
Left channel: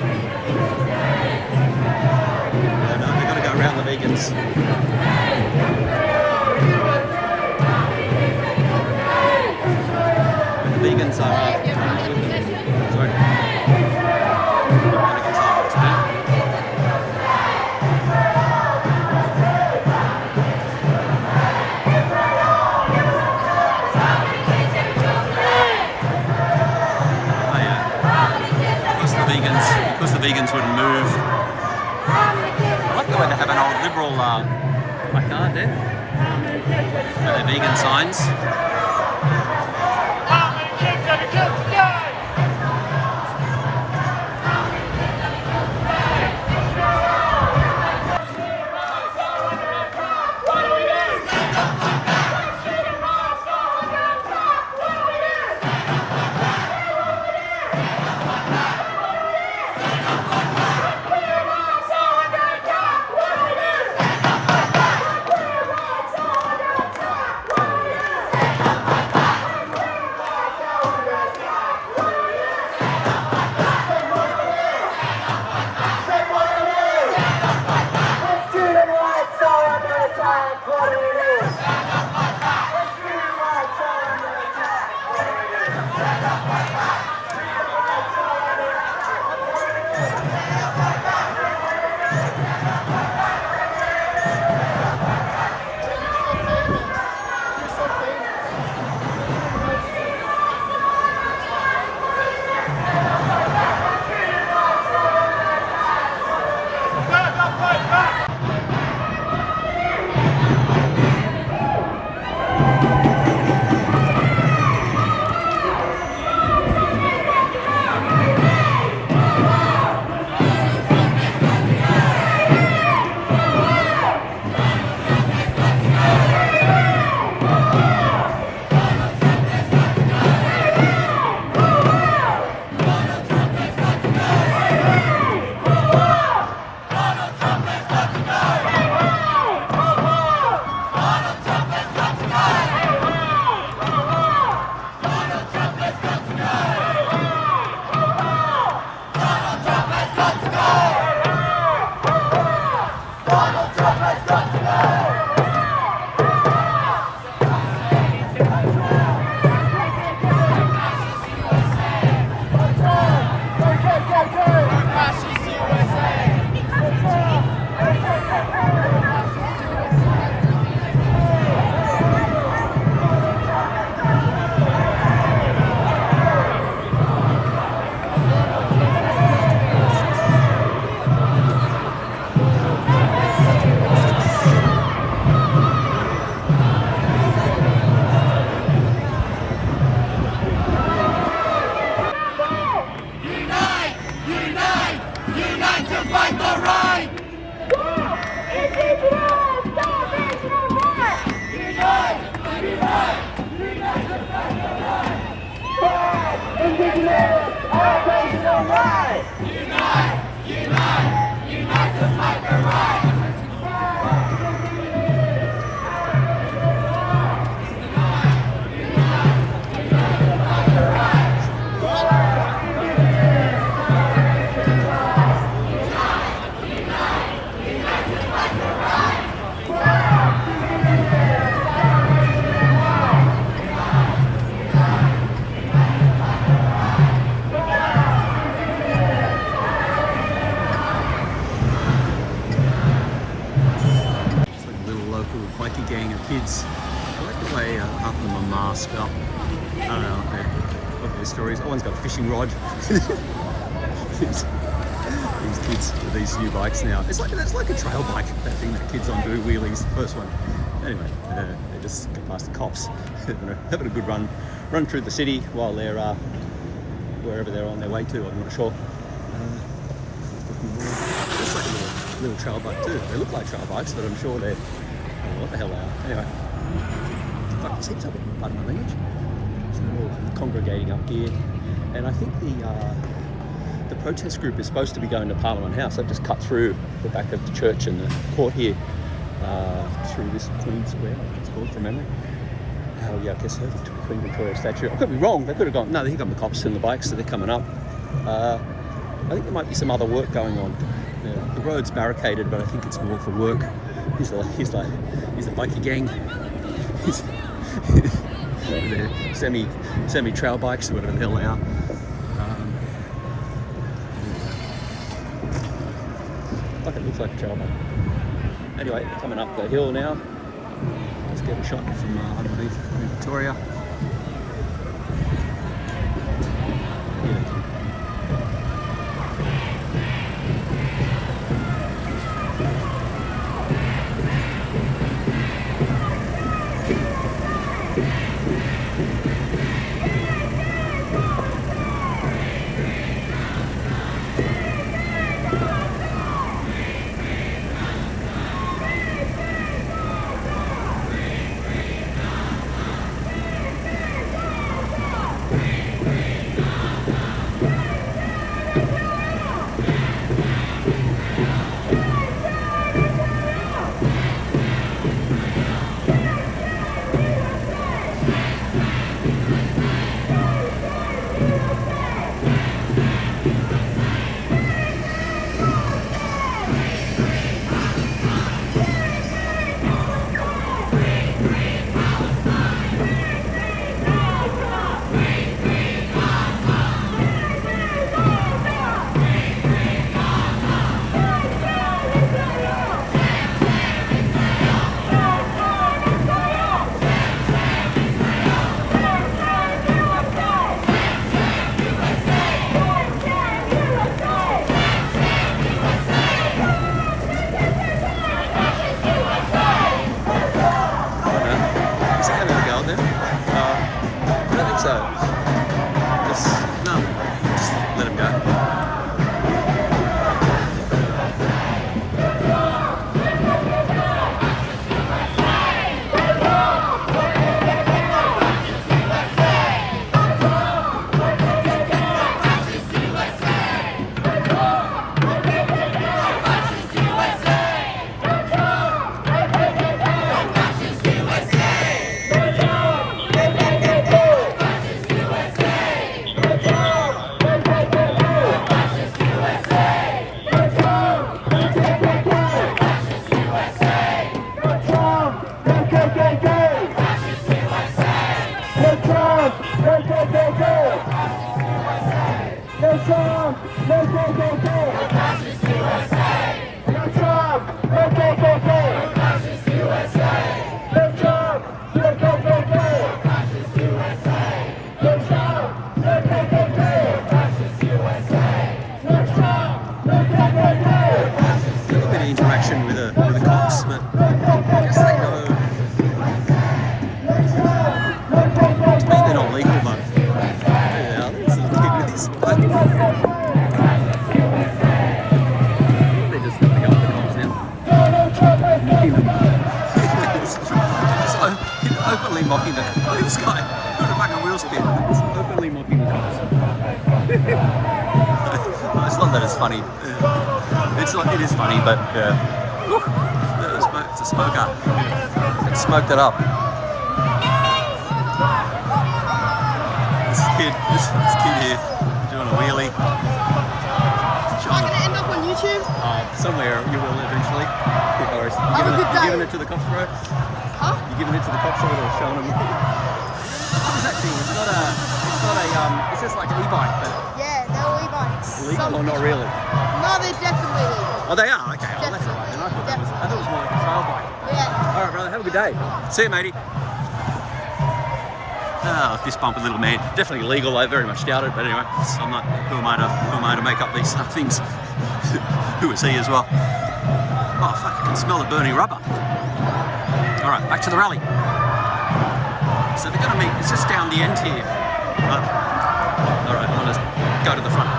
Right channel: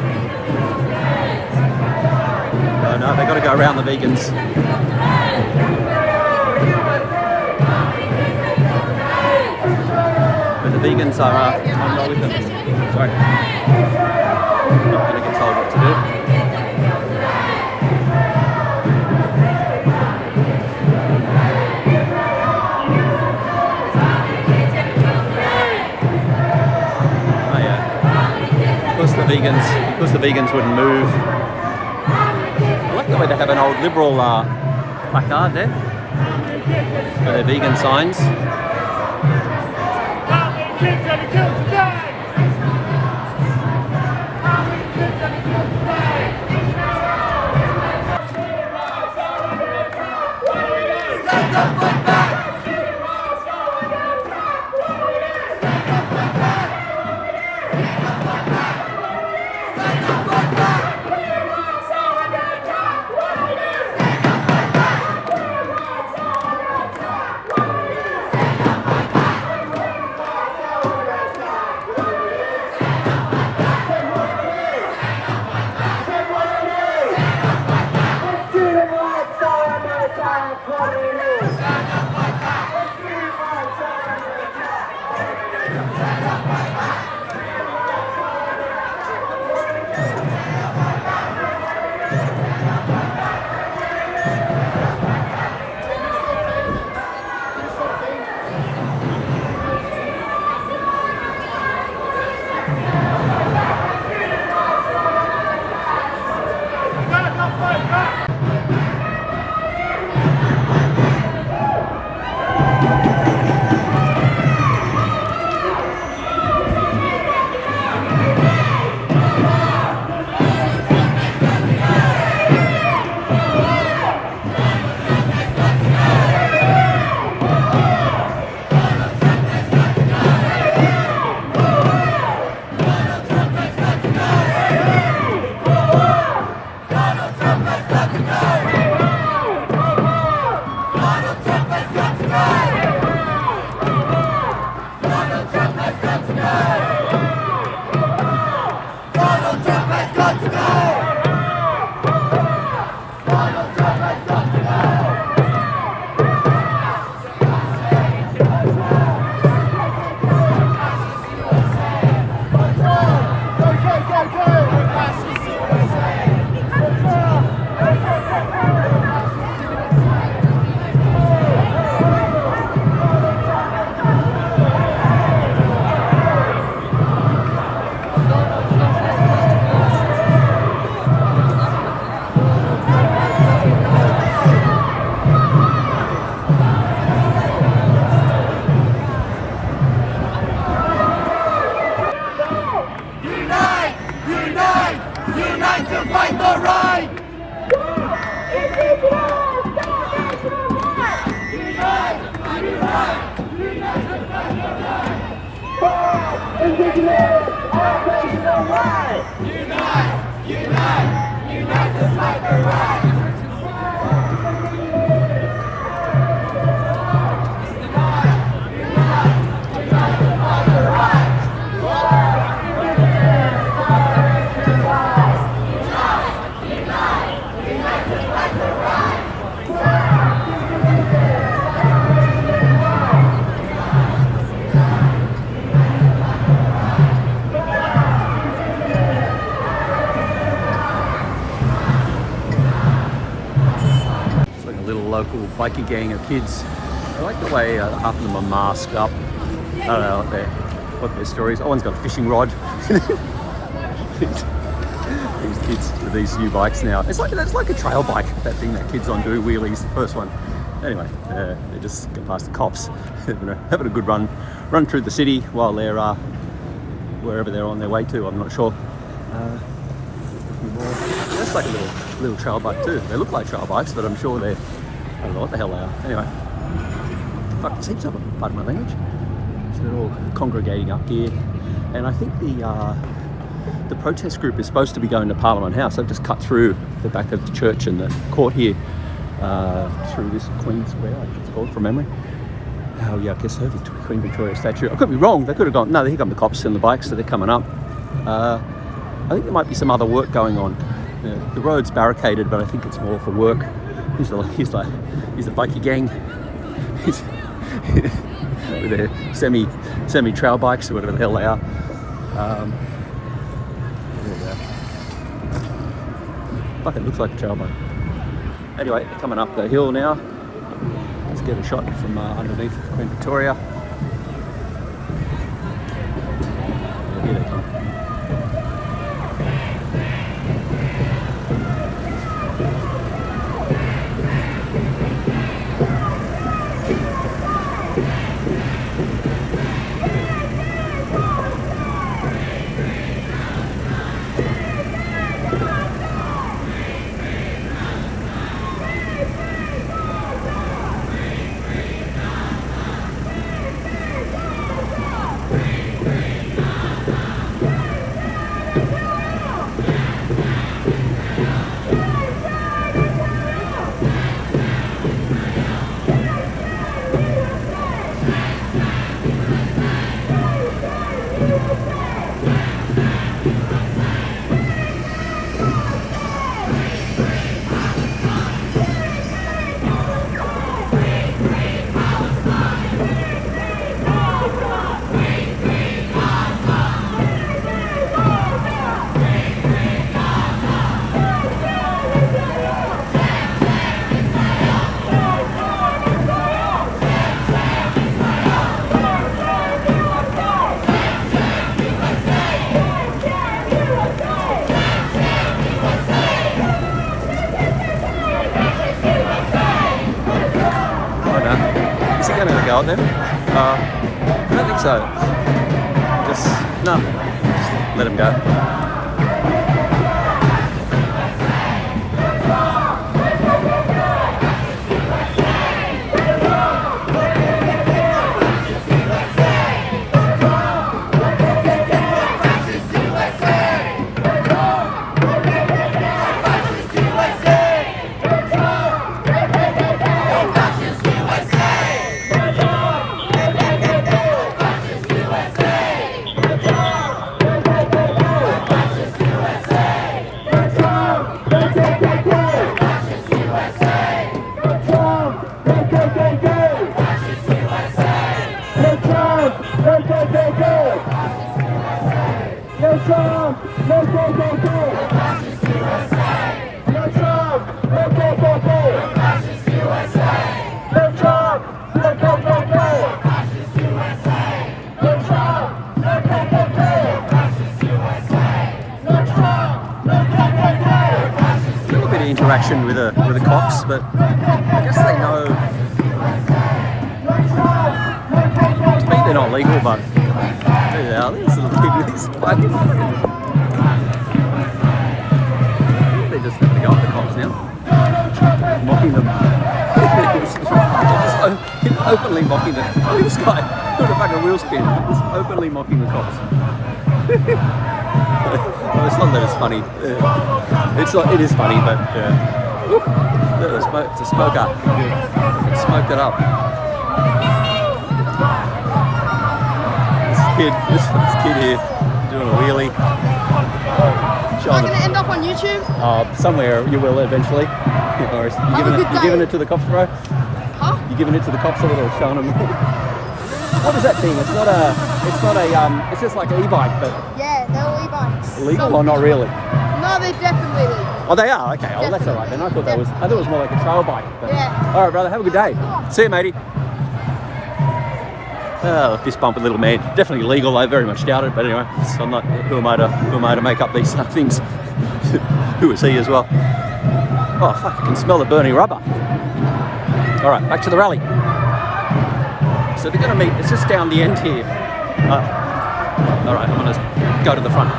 Oh no, they got to go around the vegans. The vegans are not with them. Sorry. I'm going to get told what to do. Oh yeah. Because the vegans wouldn't move. I like the way they have an old Liberal placard there for their vegan signs. Bikie gang of kids. I like the way half of them are masked up. I don't know what their stories. Oh, one's got a fishing rod. these kids with these new bikes now. It's like a trail bike, that thing that kids on do, wheelies, the first one. Anyway, they just get past the cops, having a good run through the city while they're wherever they're on their way to. I'm not sure. That's like a little trail bike too. They look like trail bikes, but I'm sure they're, I don't know what the hell they are. Anyway, fuck my seats up, pardon my language. So they're all congregating up here, and I think the protest group is supposed to be going to Parliament House. They've just cut through the back of the church and the court here, through this Queen Square, I think it's called from memory. Oh yeah, I guess they're the Queen Victoria statue. I could be wrong. They could have gone. No, here come the cops and the bikes, so they're coming up. I think there might be some other work going on. The road's barricaded, but I think it's more for work. He's a bikie gang. He's with their semi trail bikes or whatever the hell they are. Fucking looks like a trail bike. Anyway, coming up the hill now. Let's get a shot from underneath Queen Victoria. Here they come. Interaction with the cops, but I guess they know. To me, they're not legal, but yeah, this little kid with his bike. They're just going up the cops now, mocking them. They're just openly mocking the. Look at this guy doing a fucking wheel spin. Just openly mocking the cops. No, it's not that it's funny. It's not. It is funny, but it's a smoker. It smoked it up. This kid here doing a wheelie. Am I going to end up on YouTube? Somewhere you will eventually. You giving it to the cops, bro? You giving it to the cops, or showing them? What is that thing? It's not a. It's just like an e-bike, but. Yeah, they're all e-bikes. Legal or not really? No, they're definitely legal. Oh, they are? Okay, well that's alright then. I thought it was more like a trail bike. But... Yeah. Alright, brother, have a good day. See you, matey. Oh, fist bump with little man. Definitely legal, I very much doubt it, but anyway, so I'm not, who am I to make up these things? Who is he as well? Oh, fuck, I can smell the burning rubber. Alright, back to the rally. So they're going to meet, it's just down the end here. Alright, we'll just go to the front.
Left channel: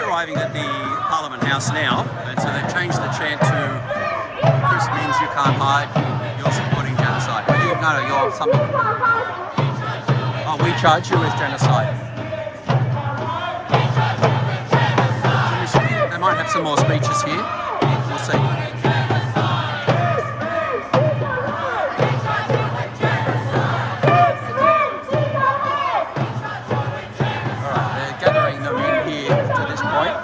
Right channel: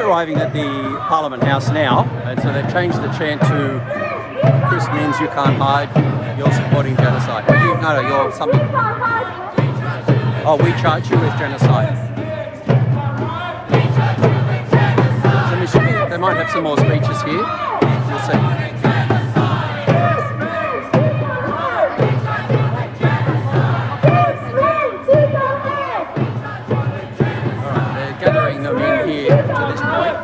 Arriving at the Parliament House now, and so they've changed the chant to Chris means you can't hide, you're supporting genocide. No, you're something. Oh, we charge you with genocide. They might have some more speeches here. We'll see. Gathering them in here to this point.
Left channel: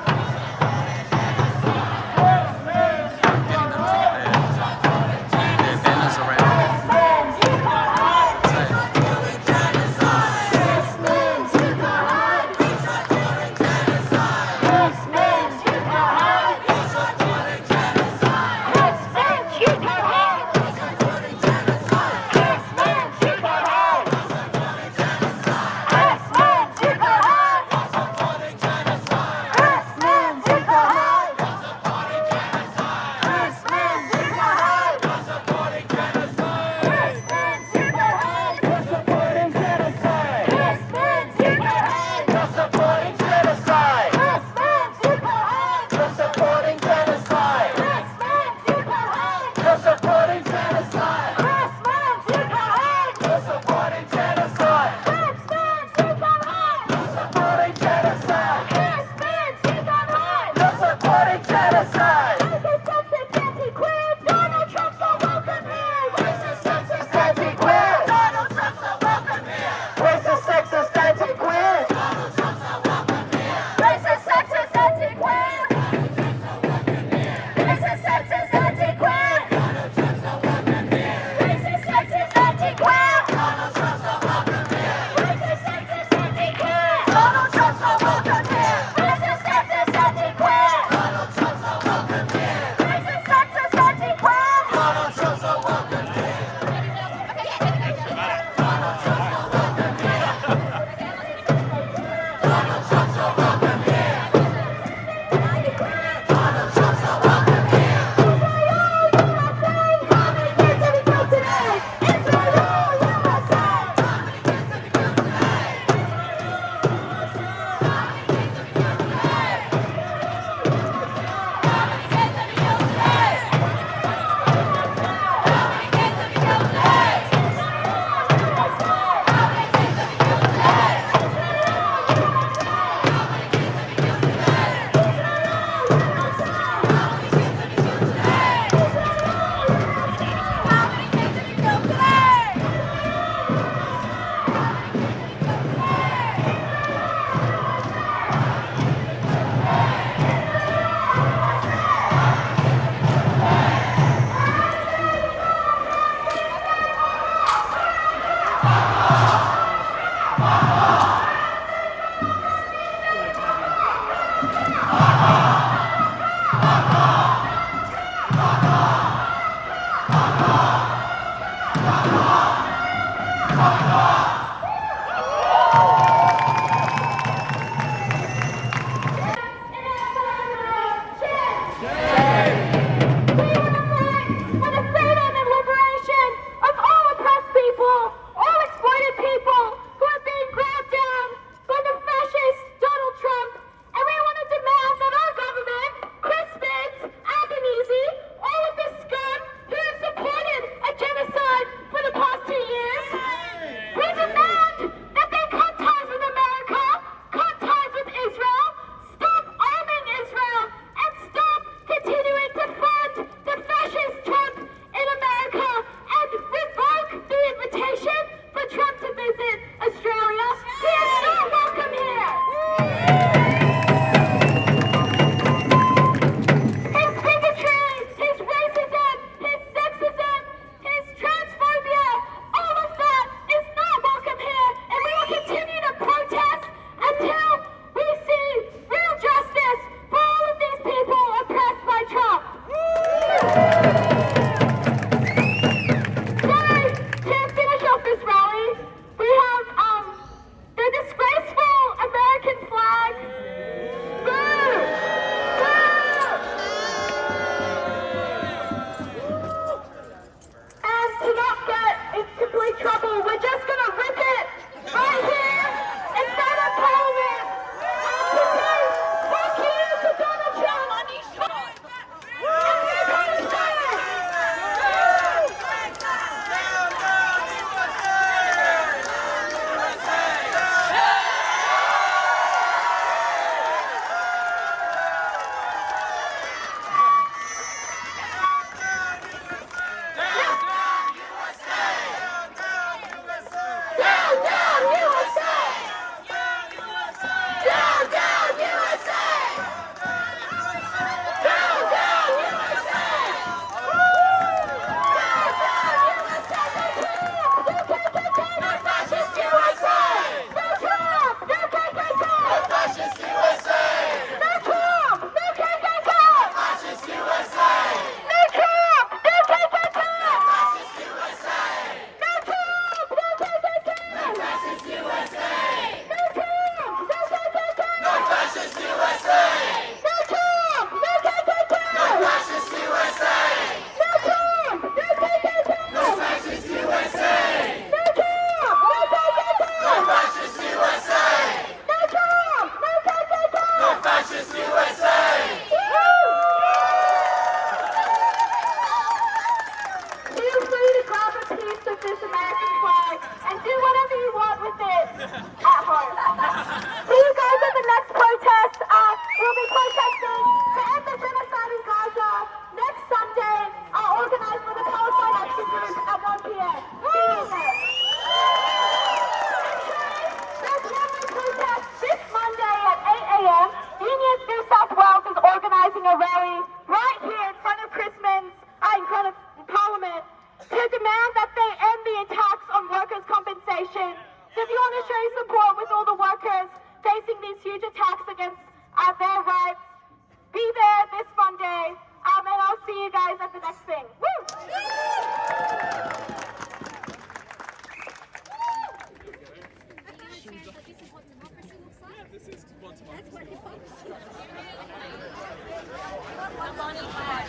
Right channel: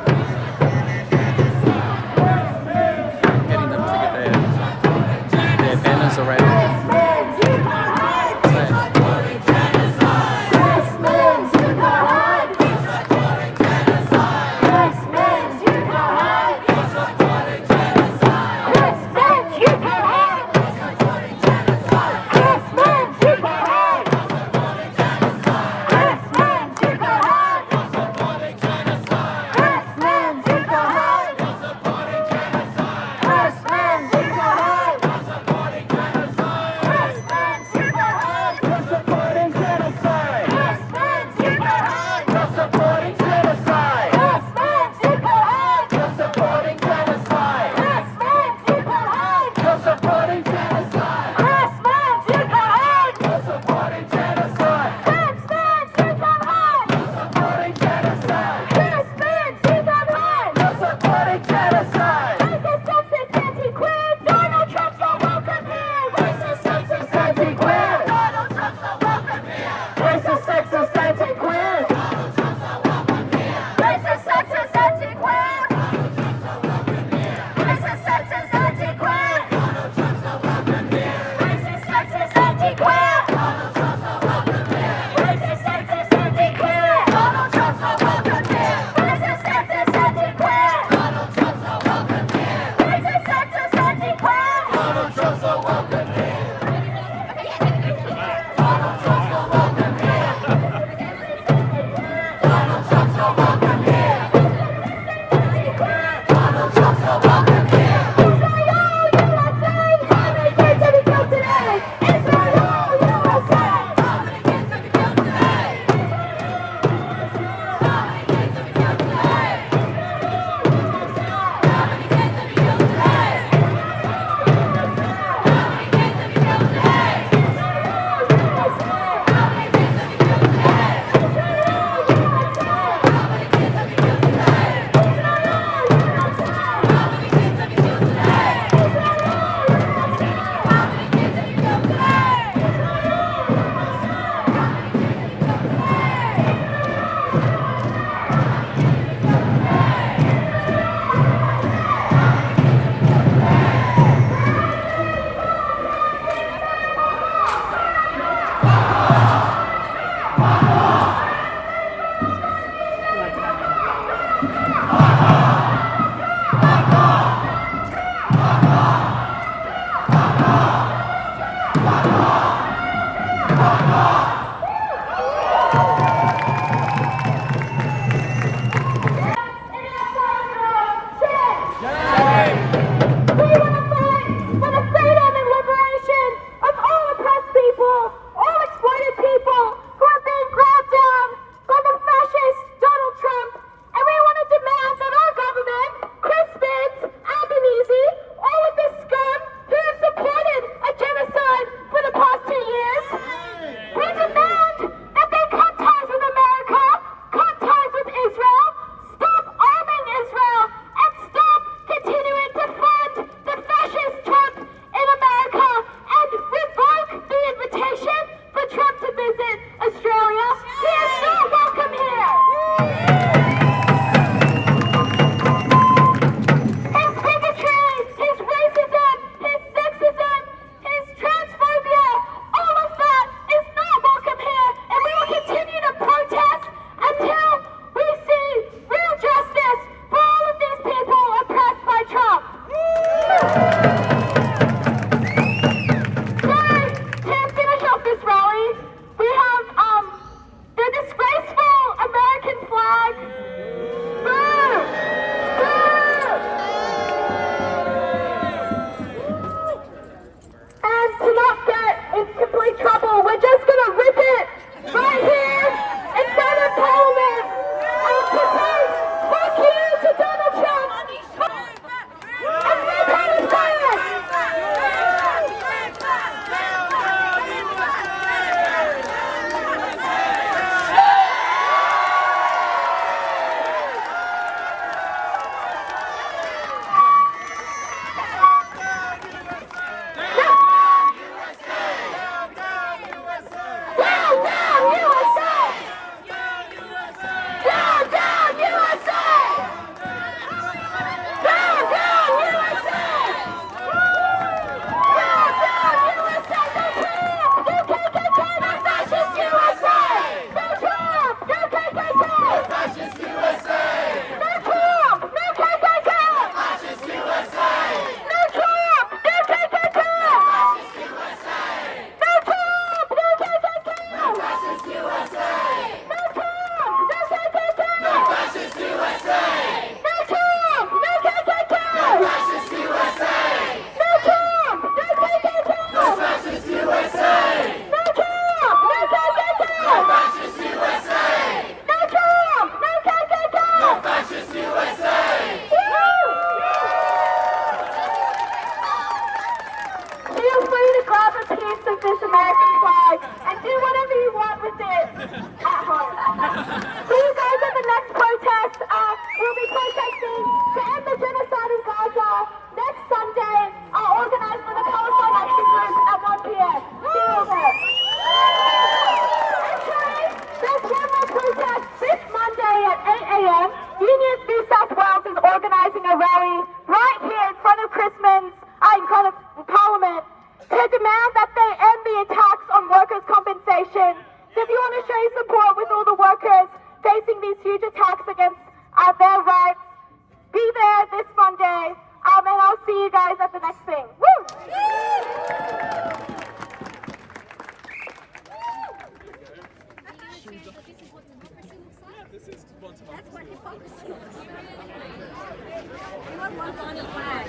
Getting them to get their banners around. So if you want to show your support with all the workers facing these huge attacks against their rights, be there this Monday, and I'll see you guys at the next thing. Woo! This is what democracy looks like. That's what hypocrisy is. You want one on the flag.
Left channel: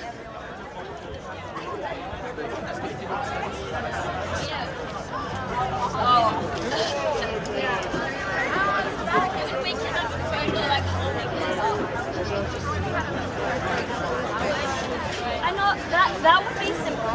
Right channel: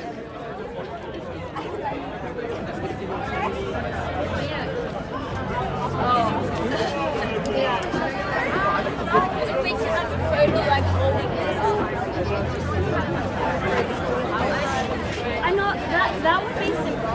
If we can have a photo like holding this up. I know that would be simple.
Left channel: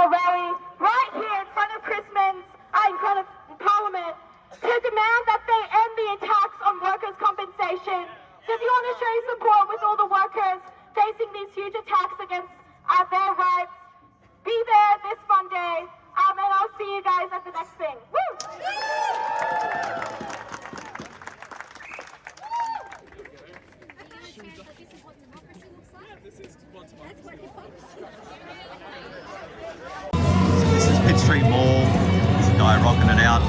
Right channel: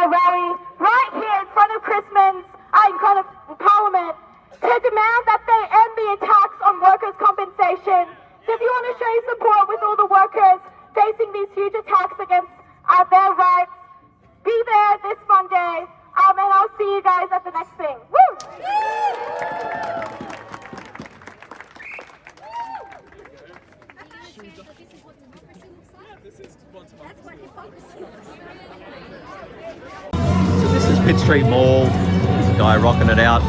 a rally right here in front of Parliament to demand that they end the attacks on workers' compensation. So if you want to show your support with all the workers facing these huge attacks against their rights, be there this Monday, and I'll see you guys at the next thing. Woo! This is what democracy looks like. This is Pitt Street Mall. There's a guy rocking it out.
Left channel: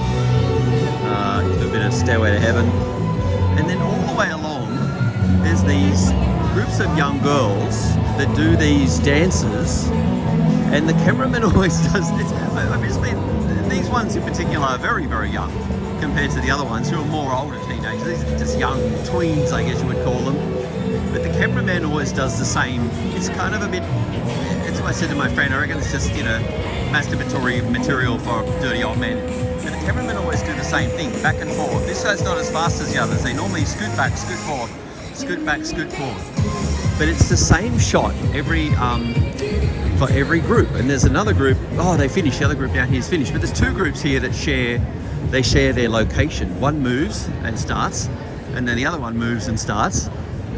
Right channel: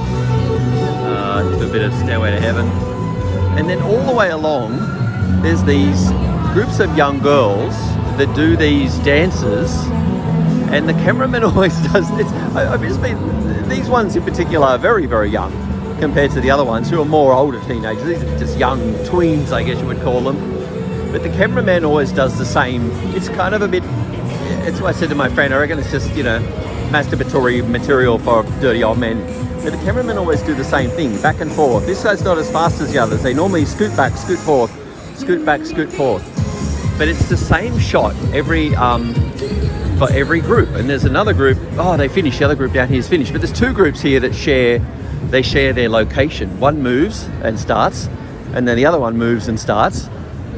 To a bit of Stairway to Heaven. And then all the way along, there's these groups of young girls that do these dances. And the cameraman always does this. Obviously, these ones in particular are very, very young compared to the other ones who are more older teenagers. These are just young tweens, I guess you would call them. But the cameraman always does the same. It's kind of a bit, it's what I said to my friend, I reckon it's just, you know, masturbatory material for dirty old men. But the cameramen always do the same thing, back and forth. This guy's not as fast as the others. They normally scoot back, scoot forth, scoot back, scoot forth. But it's the same shot for every group. And there's another group, oh, they finished, the other group down here is finished. But there's two groups here that share their location. One moves and starts, and then the other one moves and starts.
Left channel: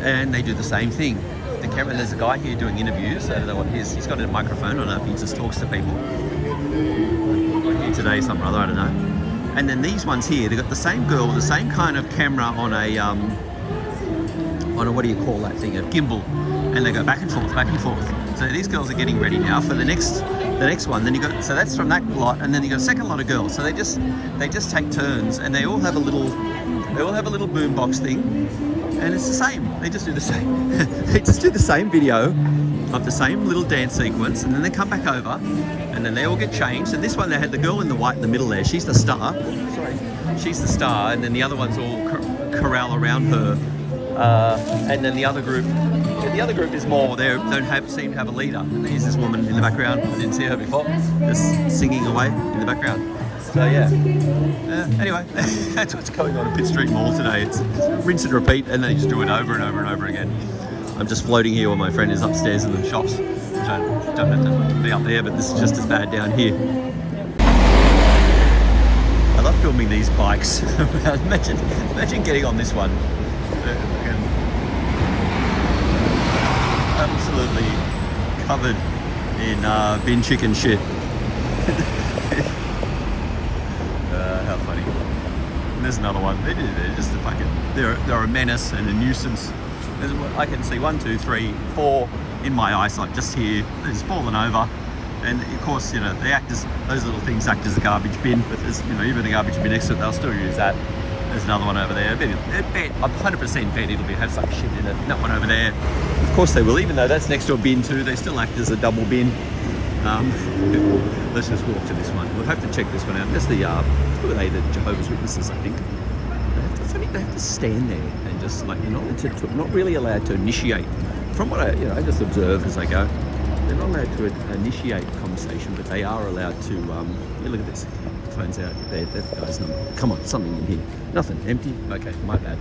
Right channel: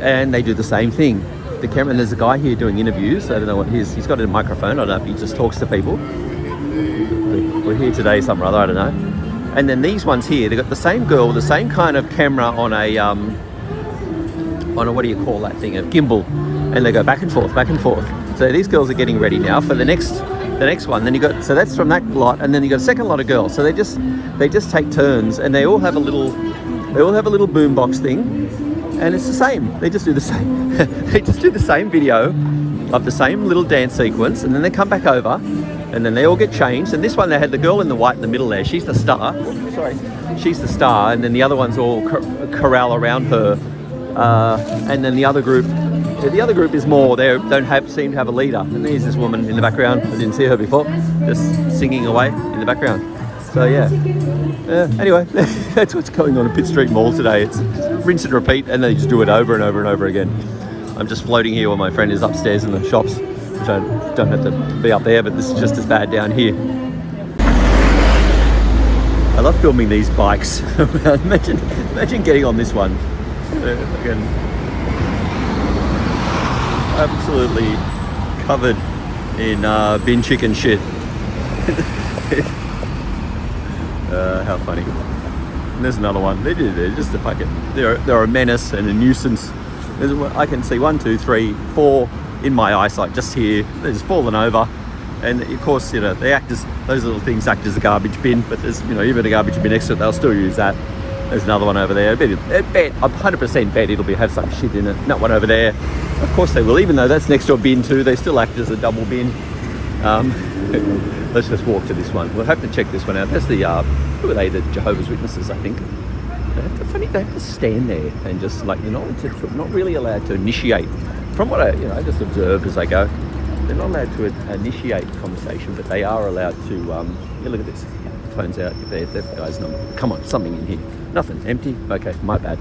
And they do the same thing. The camera, there's a guy here doing interviews. I don't know what he's got a microphone. I don't know if he just talks to people. We're here today, something or other, I don't know. And then these ones here, they've got the same girl, the same kind of camera on a what do you call that thing, a gimbal, and they go back and forth, back and forth. So these girls are getting ready now for the next one. Then you got, so that's from that lot, and then you got a second lot of girls. So they just take turns, and they all have a little boombox thing, and it's the same. They just do the same. They just do the same video of the same little dance sequence, and then they come back over, and then they all get changed. And this one, they had the girl in the white in the middle there. She's the star. Sorry, she's the star, and then the other ones all corral around her. And then the other group is more, they don't seem to have a leader. And there's this woman in the background, I didn't see her before, just singing away in the background. So yeah, anyway, that's what's going on in Pitt Street Mall today. It's rinse and repeat, and they just do it over and over and over again. I'm just floating here while my friend is upstairs in the shops. Don't have to be up there, but this is just as bad down here. I love filming these bikes. imagine getting on this one. Again, absolutely covered in bin chicken shit. How funny. And there's another one. They're just a fucking, they're a menace and a nuisance. I can see 1, 2, 3, 4 in my eyesight just here. They're just fallen over. And of course, they act as, those little things act as a garbage bin, but there's, even a garbage bin next to it, they'll still use that. There's another one over there. I'm 100% bet it'll have some shit in it. And that one over there, of course they will. Even though that's next to a bin too, they still act as a double bin. Let's just walk to this one. We'll have to check this one out. That's the, who are they? The Jehovah's Witnesses, I think. They have to stand there and just like, they're not really allowed to initiate. From what I just observe as I go, they're not allowed to initiate conversation, but they are allowed to. Look at this. Phone's out. That guy's number. Come on, something in here. Nothing. Empty. Okay, my bad.